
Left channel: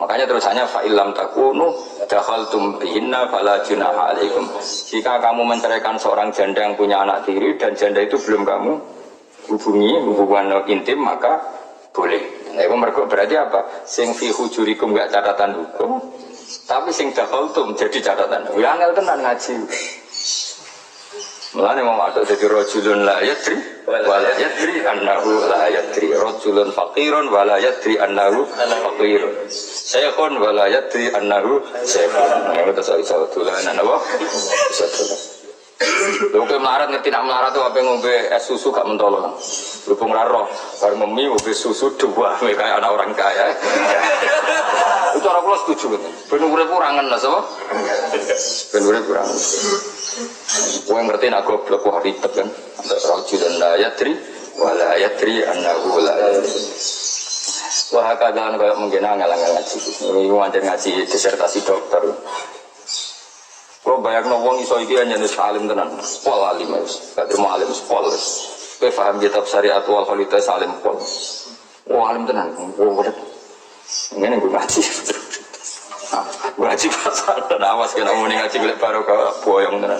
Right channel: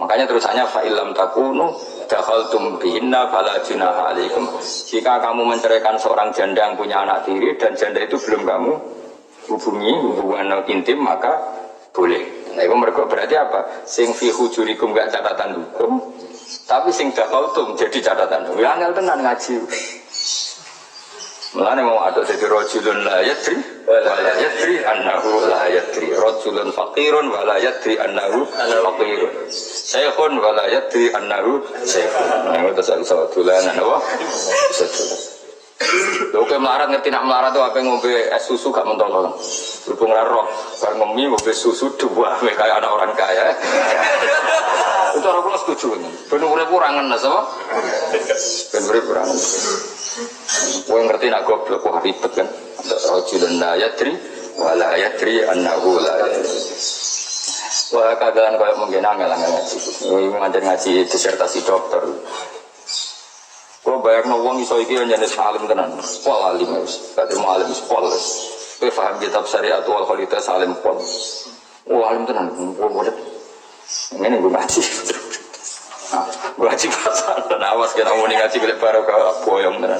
Makanya terusannya fa'ilam takunu dakhaltum bihinna fala junaha alaikum. Jika kamu menceraikan seorang janda yang punya anak tiri dan janda itu belum kamu hubungi hubungan intim maka boleh. Nah, itu berarti apa? Sing fi hujurikum gak catatan hukum. Tapi sing dakhaltum jadi catatan. Ya angel tenan ngaji. Mulane mau aduk dadi rajulun la yadri wala yadri annahu la yadri. Rajulun faqirun wala yadri annahu faqirun. Syekhun wala yadri annahu syekhun. Nah, itu iso dolanan apa? Iso dolan. Lho kowe melarat ngerti nak melarat itu apa ngombe es susu gak mentolo kan. Berhubung ra roh, bar ngemi ngombe susu dua kayak anak orang kaya. Itu orang kula setuju kan. Ben urip ora ngenes apa? Ben urip ora ngenes. Kowe ngerti nak goblok kok ribet kan. Rajulun la yadri wala yadri annahu la yadri. Wah kadalan koyo mungkin angel-angel ngaji. Iki ngajar ngaji disertasi dokter. Kau bayangno wong iso iki anjane salim tenan. Pol alim wis. Gak terima alim pol. Kowe paham kitab syariat wal khalita salim pol. Oh alim tenan. Ngene gue ngaji. Gue ngaji pasal dan awas kena muni ngaji golek barokah boyong tenan.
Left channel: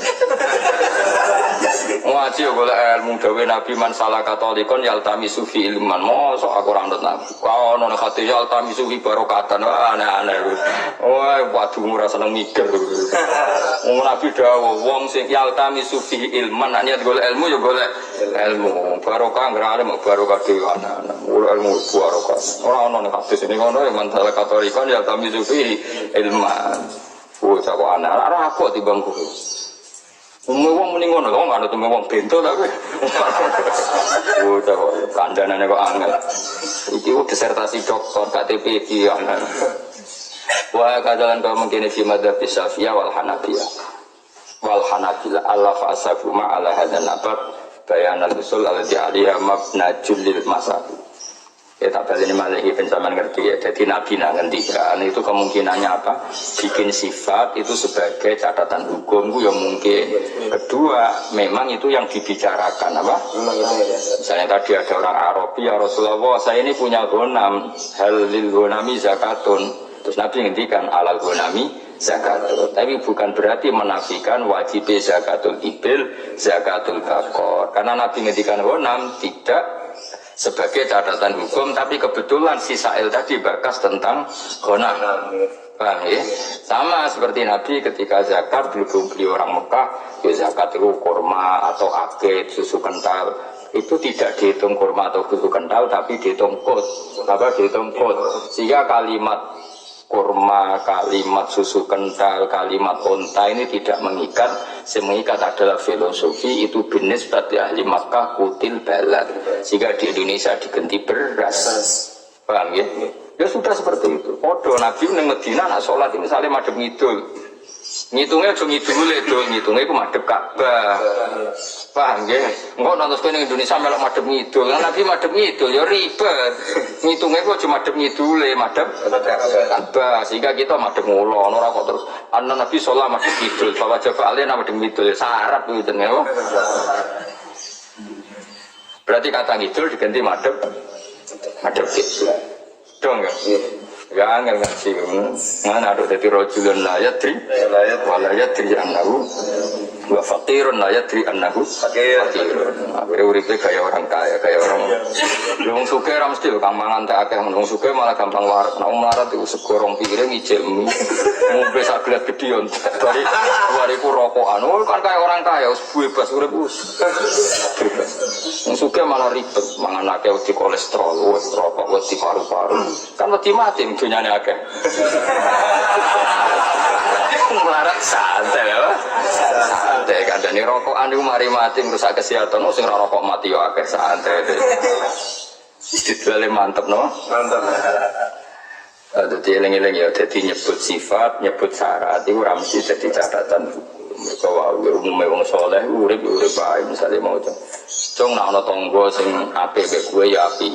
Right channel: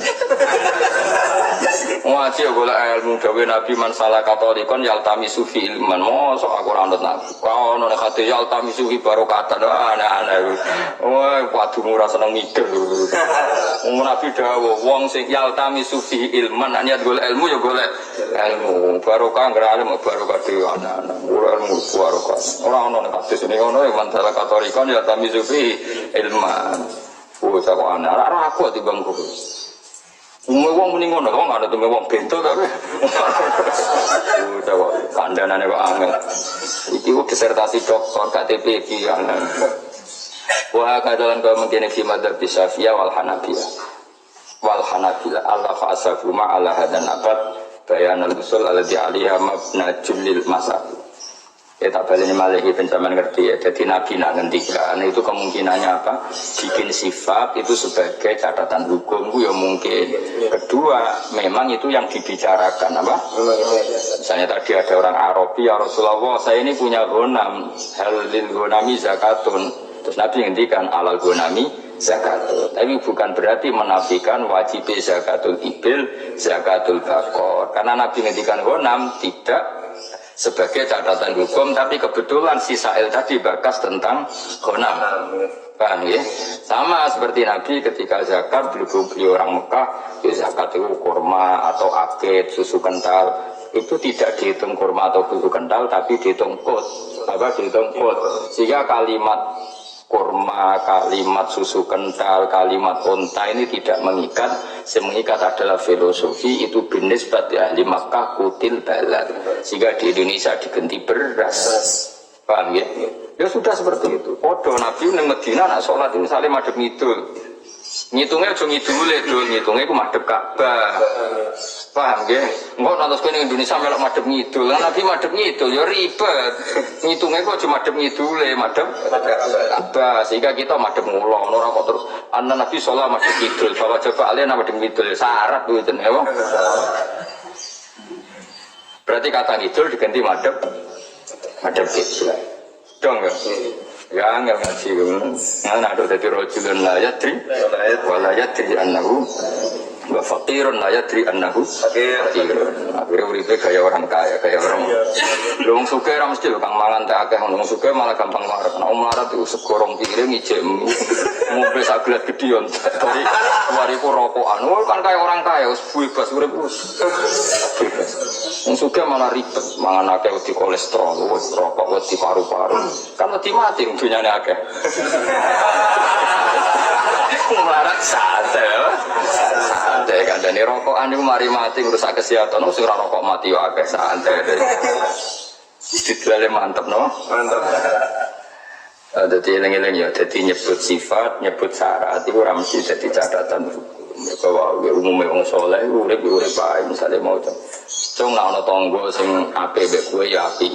Ngaji golek ilmu dawe Nabi man salah katolikon yaltami sufi ilman. Mosok aku ora anut Nabi. Kau ono hati yaltami sufi barokatan aneh-aneh. Wah, waduh ora seneng mikir. Nabi dawuh wong sing yaltami sufi ilman niat golek ilmu ya golek ilmu. Barokah nggak alim barokah dhewe aneh-aneh. Golek ilmu barokah. Ora ono nek hadis ini ngono man salah katolikon yaltami sufi ilman. Oh, cak kok aneh. Ora aku timbang kowe. Wong muni ngono, wong ana teme wong bento tapi. Oh, cak kok kandhanane kok angel. Iki kok disertasi doktor KTP iki ana. Wah, kadalan kau mengkene fi madzhab Syafi'iyah wal Hanabiyah. Wal Hanabila Allah fa asabuma ala hadan abad bayanal usul alladzi 'alaiha mabnajul lil masail. Ya tak balik ini malih pencaman ngerti ya. Jadi Nabi nak ngendikan itu kemungkinannya apa? Bikin sifat itu sebagai catatan hukum itu ya mungkin. Kedua, memang itu yang dibicarakan apa? Misalnya tadi ada orang Arabi, ya Rasulullah, saya ini punya ghanam, hal lil ghanami zakatun. Terus Nabi ngendikan alal ghanami zakatun. Tapi bukan berarti menafikan wajib zakatul ibil, zakatul bakor. Karena Nabi ngendikan ghanam tidak sebagai catatan hukum, tapi kebetulan si Sa'il tadi bakas tentang ghanam. Paham ya? Sama seperti Nabi ketika zakat beli orang Mekah, ya zakat itu kurma atau akid, susu kental. Itu tidak dihitung kurma atau susu kental, tapi dihitung kod. Apa dihitung kod? Sehingga kalimat kurma, kalimat susu kental, kalimat unta ini tidak mengikat. Yang mengikat adalah filosofi itu binis berarti ahli Makkah kutil balad. Sehingga di Indonesia diganti beras. Paham ya? Ya sudah seperti itu. Podo Nabi nang Medina nak sholat misalnya madhep ngidul. Ngitungnya aja ngidule dul, ngitungnya iku madhep Ka'bah. Paham nggih? Engko nonton kowe ning Indonesia melok madhep ngidul. Kan Nabi madhep ngidul ya ribet. Ngitungnya kok aja madhep ngidule, madhep Ka'bah. Sehingga kita madhep ngulon ora kok terus ana Nabi sholat madhep ngidul, bahwa coba alien madhep ngidul syarat kuwi jenenge apa? Berarti kata ngidul diganti madhep kiblat. Dong ya. Ya angel ngaji ngene aduk dadi rajulun la yadri wala yadri annahu wa faqirun la yadri annahu faqirun. Akhire uripe kaya orang kaya, kaya orang. Lho wong sugih ora mesti lho kang mangan teh akeh wong sugih malah gampang warak. Nek melarat iku segorong piring ijek mie. Ngombe sak gelas gedhion. Bariku rokokan. Oh kan kaya orang kaya wis bebas urip wis. Bebas. Wong sugih malah ribet mangan akeh wedi kolesterol, wis rokok wedi paru-paru. Kan wedi mati dunyane akeh. Melarat santai apa? Santai kandhane rokokan niku mari mati ngrusak kesehatan. Sing ora rokok mati yo akeh santai. Istidlale mantep no? Mantep. Dadi eling-eling ya dadi nyebut sifat, nyebut syarat iku ora mesti dadi catatan hukum. Mergo wae umume wong saleh urip bae misale mau cung nek ana tangga sing apik mbek kowe ya apik.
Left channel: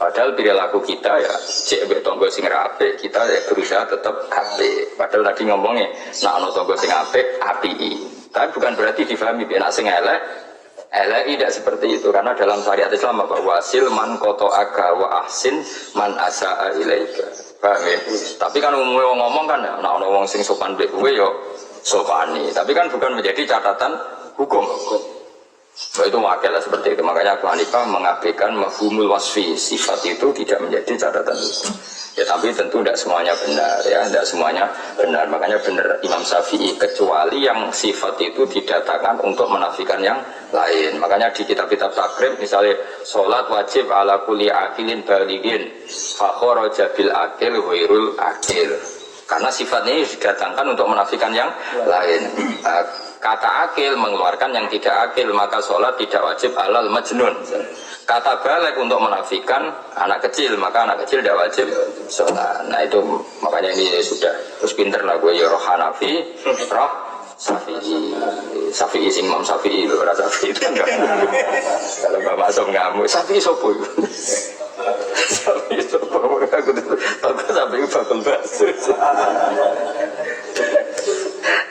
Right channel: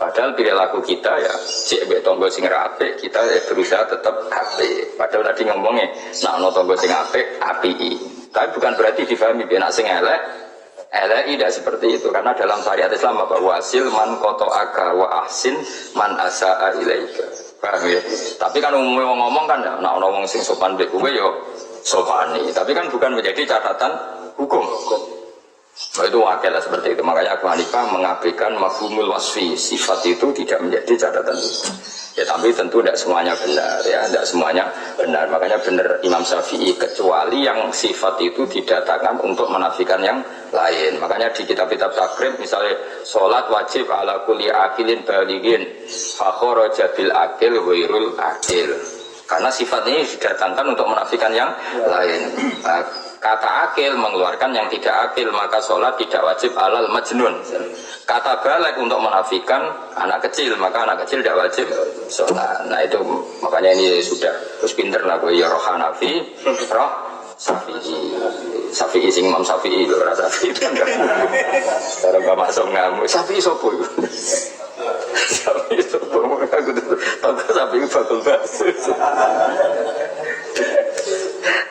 Padahal perilaku kita ya cek mbek tangga sing apik, kita ya berusaha tetap apik. Padahal tadi ngomongnya nek ana tangga sing apik, apiki. Tapi bukan berarti difahami nek sing elek tidak seperti itu. Karena dalam syariat Islam apa wasil man qata'aka wa ahsin man asaa ilaika. Paham ya? Tapi kan umumnya wong ngomong kan nek ana wong sing sopan mbek kowe ya sopani. Tapi kan bukan menjadi catatan hukum. Nah, itu wakil lah seperti itu. Makanya Abu Hanifah mengabaikan mafhumul wasfi. Sifat itu tidak menjadi catatan hukum. Ya tapi tentu tidak semuanya benar ya, tidak semuanya benar. Makanya benar Imam Syafi'i kecuali yang sifat itu didatangkan untuk menafikan yang lain. Makanya di kitab-kitab takrib misalnya sholat wajib ala kulli akilin balighin fa kharaja bil akil ghairul akil. Karena sifatnya ini didatangkan untuk menafikan yang lain. Kata akil mengeluarkan yang tidak akil, maka sholat tidak wajib alal majnun. Kata balik untuk menafikan anak kecil, maka anak kecil tidak wajib sholat. Nah itu makanya ini sudah terus pinter lah gue ya roh Hanafi, roh Syafi'i sing Imam Syafi'i loh, rasa Syafi'i itu enggak. Kalau Mbak Maksum ngamuk, Syafi'i sopo itu. Syafi'i sopo, aku tuh Syafi'i bakal bakso.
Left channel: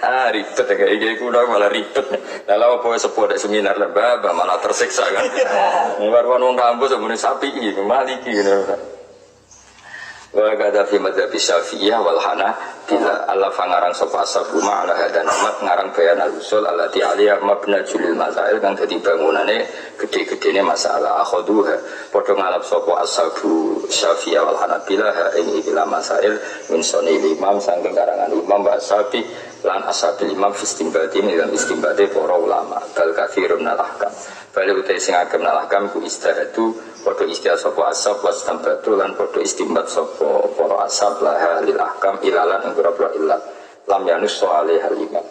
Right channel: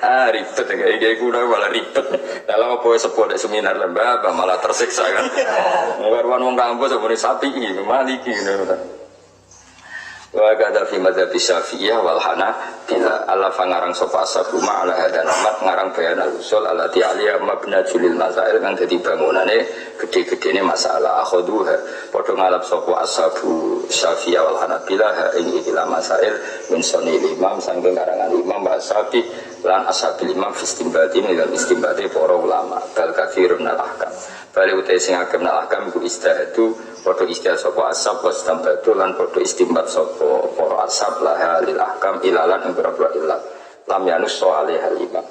Ribet ya kayak kuda malah ribet. Kalau apa sebuah seminar lembah malah tersiksa kan. Nggarwan wong kampus sebenarnya sapi ini maliki gitu. Wa kada fi madzhab Syafi'iyah wal Hanafilah Allah fangarang sapa ashabuma ala hadan amat ngarang bayan al-usul allati aliyah mabna julil masail kang dadi bangunane gede-gedene masalah akhuduha padha ngalap sapa ashabu Syafi'iyah wal Hanafilah ing ikilah masail min soni imam saking karangan imam wa ashabi lan ashabil imam istinbati lan istinbati para ulama bal katsirun al-ahkam bali utai sing akeh al-ahkam ku istihadu padha istihad sapa ashab was tambatu lan padha istimbat sapa para ashab laha lil ahkam ilalan ing pira-pira illat lam yanus alaiha imam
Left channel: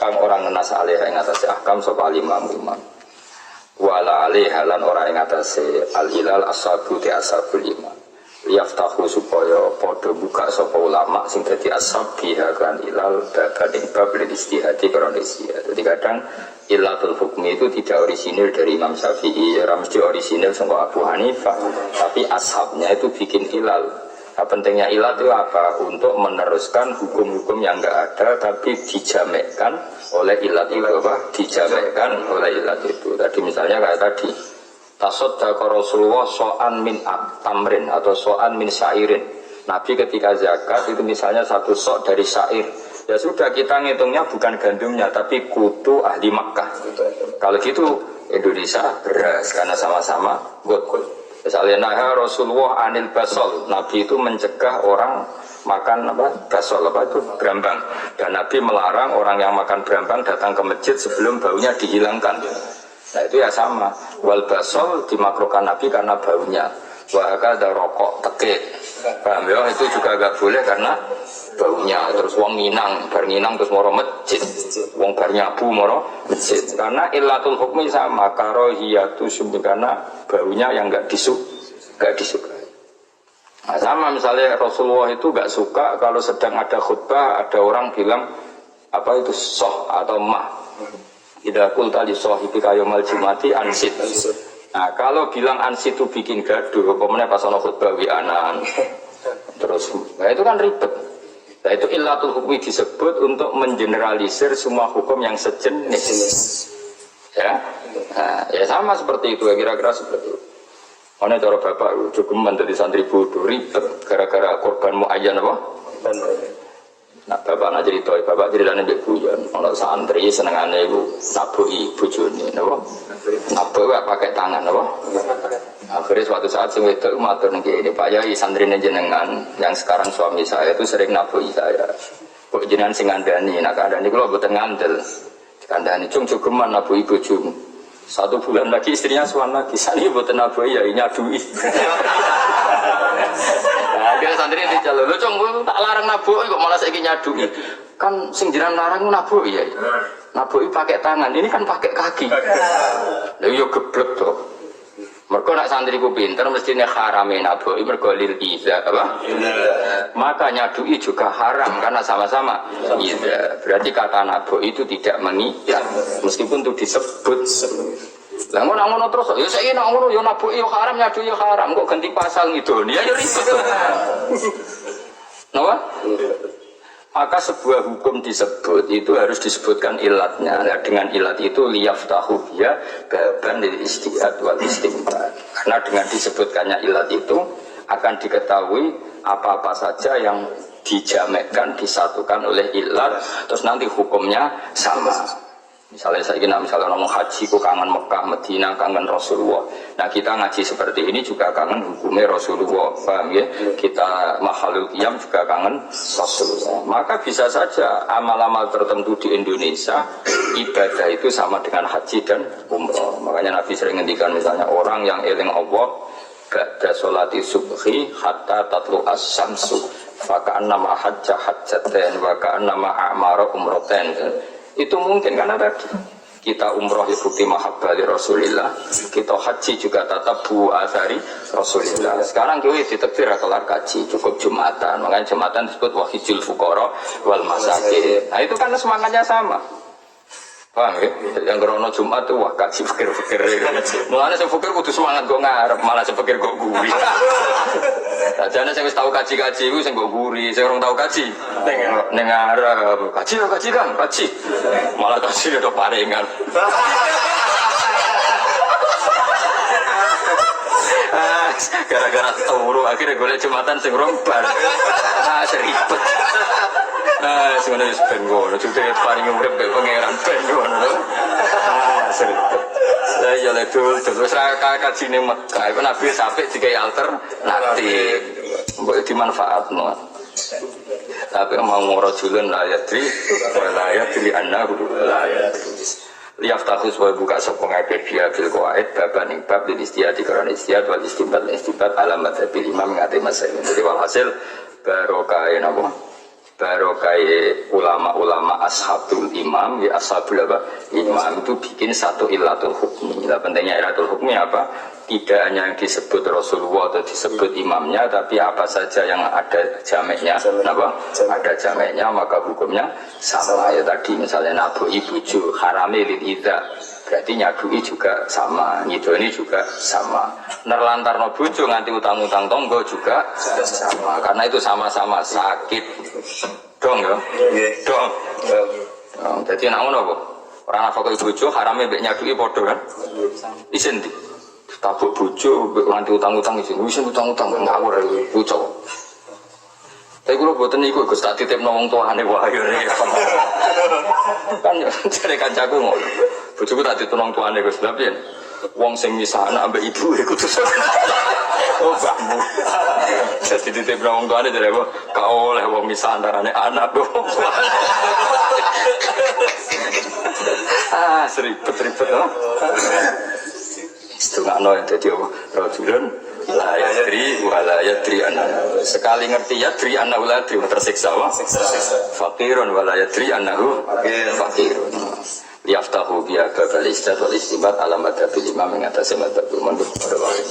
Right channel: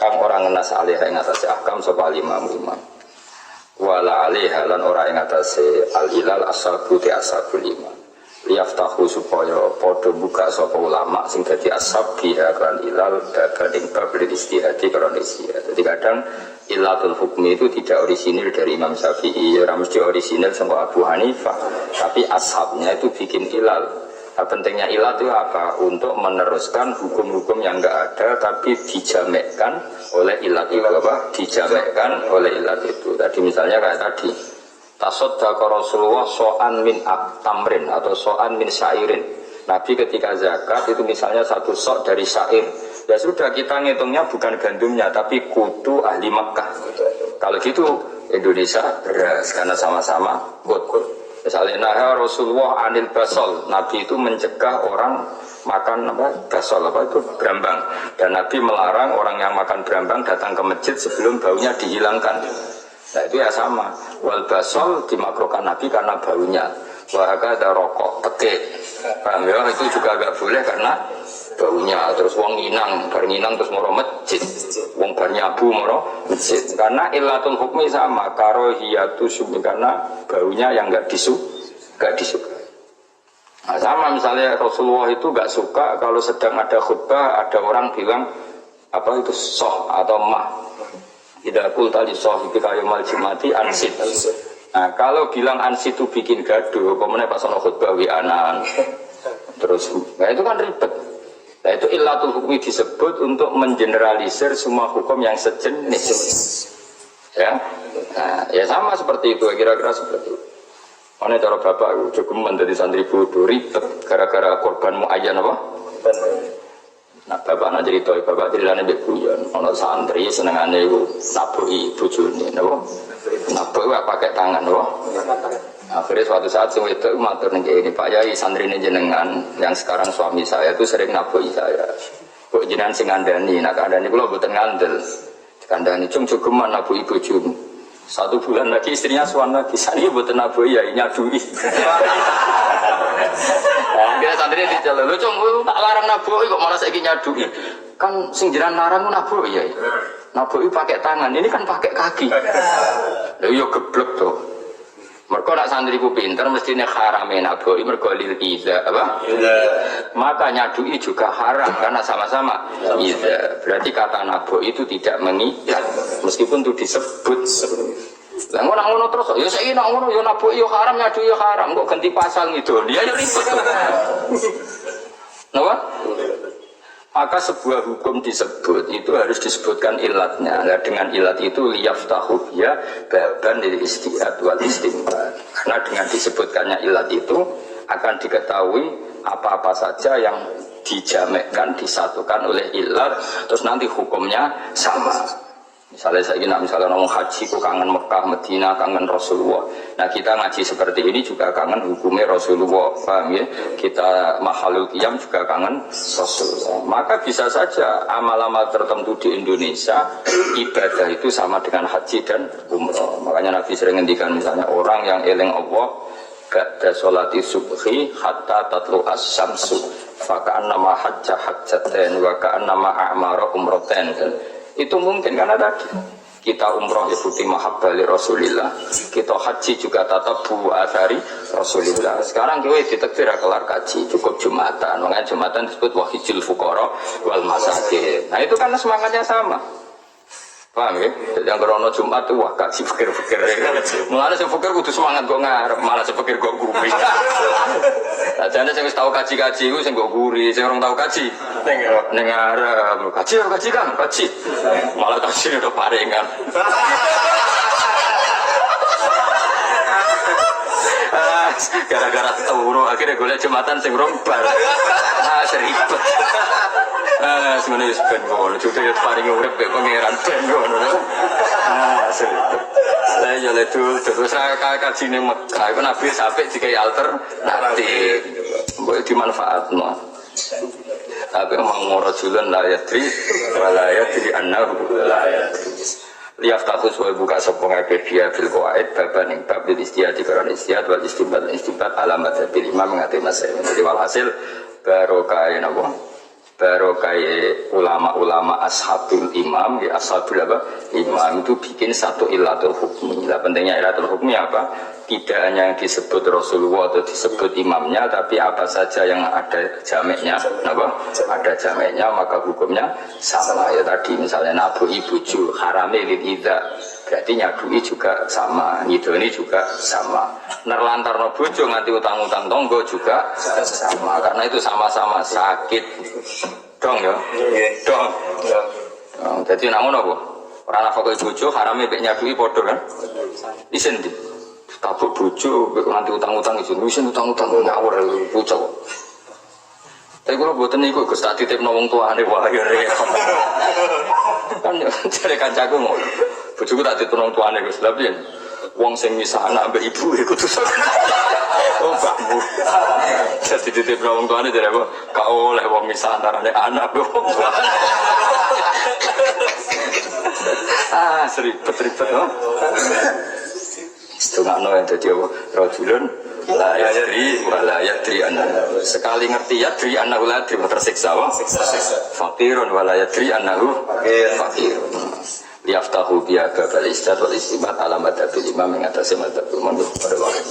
kang ora ngenas alaiha ing atase ahkam sapa imam wala alaiha lan ora ing atase al ilal ashabu ti ashabul imam liyaftahu supaya padha buka sapa ulama sing dadi ashab biha kan ilal babading bab lil istihadi karena istihad. Jadi kadang Illatul hukmi itu tidak orisinil dari Imam Syafi'i, ya mesti orisinil sama Abu Hanifah, tapi ashabnya itu bikin ilal. Nah, pentingnya ilat itu apa? Untuk meneruskan hukum-hukum yang enggak ada tapi dijamekkan oleh ilat itu apa? Dijamekkan oleh ilat itu. Tadi misalnya kayak tadi tasaddaqa Rasulullah so'an min tamrin atau so'an min syairin. Nabi ketika zakat itu misalnya satu sok dari syair. Ya sudah kita ngitungnya bukan gandumnya tapi kutu ahli Makkah. Kalau gitu Indonesia beras karena sama-sama gut. Misalnya nah Rasulullah anil basol, Nabi itu mencegah orang makan apa basol apa itu berambang, dan Nabi melarang orang yang makan berambang datang ke masjid sebelum baunya dihilangkan. Nah itu ya sama. Wal basol dimakruhkan Nabi karena baunya. Wahaka ada rokok tekek, paham ya? Itu juga agak boleh karena baunya. Terus wong nginang, bar nginang terus moro masjid, wong bar nyabu moro masjid. Karena illatul hukmi sama, karohiyatu sumi, karena baunya yang nggak disukai. Nah, sama misalnya Rasulullah itu nggak suka kalau sedang ada khutbah ada orang bilang apa itu soh atau mah. Idza qulta li sahibika yaumal jumati ansit. Nah, kalau bilang ansit itu bikin gaduh, pemene pas ana khutbah wi'anan. Terus, nah itu kan ribet. Nah itu illatul hukmi disebut untuk mengeneralisir semua hukum yang sejenis. Ya, nah, ya sama seperti itu, kira-kira seperti itu. Mana cara bapak cukup menjadi santri bodoh ribet gara-gara korban muayyan apa? Nah bapak nak cerita, bapak ceritanya mbek guyon. Ono santri senengane iku nabuki bojone, napa? Nabuki pakai tangan, napa? Akhirnya suatu saat sing wedok matur ning kene, Pak Yai santrine jenengan yang sekarang suami saya itu sering nabuki saya. Kok jenengan sing ngandani, nak kandhani kula mboten ngandel. Dikandani cung jogeman nabuki bojomu. 1 bulan lagi istrinya suan lagi, sani mboten nabuki ya nyadui. Nah, kira santri diceluk, lho cung tak larang nabuki kok malah saiki nyadui. Kan sing jenengan larang nabuki ya. Nabuki pakai tangan, ini kan pakai kaki. Lha yo geblek to. Mergo nak santriku pinter mestine harame nabuki mergo lil iza apa? Maka nyadui juga haram karena sama-sama iza. Berarti kata nabuki itu tidak mengikat meskipun itu disebut. Lah ngono terus ya saiki nak ngono ya nabuki ya haram nyadui ya haram kok ganti pasal ngidoni ya ribet to. Napa? Maka sebuah hukum disebut itu harus disebutkan ilatnya. Nah, dengan ilat itu liyaftahu ya baban lil istihad wal istinbat. Karena dengan disebutkannya ilat itu akan diketahui apa-apa saja yang dijamekkan disatukan oleh ilat terus nanti hukumnya sama. Misalnya saya ingin misalnya ngomong haji, kok kangen Mekah, Medina, kangen Rasulullah. Nah kita ngaji seperti ini juga kangen hukumnya Rasulullah, paham ya? Kita mahalul qiyam juga kangen Rasulullah. Maka bisa saja amal-amal tertentu di Indonesia ibadah itu sama dengan haji dan umroh. Makanya Nabi sering ngendikan misalnya orang yang eling Allah ba'da sholati subhi hatta tatlu as-samsu fa ka'annama hajja hajjatain wa ka'annama a'mara umratain. Itu mungkin karena tadi kita umroh ya bukti mahabbah li Rasulillah, kita haji juga tatabu athari Rasulillah. Sekarang kowe ditakdir kelar kaji cukup Jumatan, makanya Jumatan disebut wahijul fuqara wal masakin. Nah itu kan semangatnya sama, paham ya? Yang krono Jumat tuh wah kaji fikir-fikir. Mulane sing fikir kudu semangat kok ngarep, malah sing fikir kok guri. Lah jane sing wis tau kaji-kaji iku sing kok guri, sing ora tau kaji ning ngarep. Kaji Kang, kaji. Malah kaji udah paringan. Gara-gara turu akhirnya golek Jumatan sing rombar. Seribet. Semuanya wis ben ngono, jute ya paring urip mek pangeran ben ngono lho. Seribet. Lah ya le dul terus ra kaji ning Mekah, iku Nabi sampe dikai alternatif. Mbok dimanfaatno. Tapi mau ngorojulun la yadri wa la yadri annahu la yadri. Liyaftakhus wa buka sapa ngake dia bil qawaid baban ing bab lil istihad karena istihad wal istinbat alamat bil imam ngate mas. Jadi walhasil barokah napa? barokai ulama-ulama ashabul imam, ya ashabul apa? Imam itu bikin satu ilatul hukmi. Lah pentingnya ilatul hukmi apa? Tidak hanya yang disebut Rasulullah atau disebut imamnya, tapi apa saja yang ada jameknya, apa? Ada jameknya maka hukumnya sama. Ya tadi misalnya nabu'i buju harame lil idza, berarti nyadui juga sama, ngidoni juga sama. Nerlantarno bojo nganti utang-utang tonggo juga sama, karena itu sama-sama sakit. Dong ya? Dong. Jadi nak ngono apa? Ora nafkah bojo harame mbek nyadui padha kan? Isin di tabuk bojo nganti utang-utang isin utang-utang ngawur bocah. Tapi kula mboten niku Gus tak titipno wong tuane wah ya repot. Kan jare kancaku ngono. Bojoku tak titipno wong tuane Gus, lha piye? Wong sing misah anak ambek ibu iku kudu. Oh mbakmu. Jadi titipno wong tuane jare apa? Gak oleh wong misah antarane anak mbek wong tuane. Seribet-ribet to. Setengahno yang jadi apa? Rajulun la yadri wa la yadri anna. Sekali ngerti yadri annahu la yadri tersiksa wa fakirun wa la yadri annahu fakirun. Liyaftahu biya babal istat wal istibat alamat abil imam yang atasnya madhabul manduh pada wakil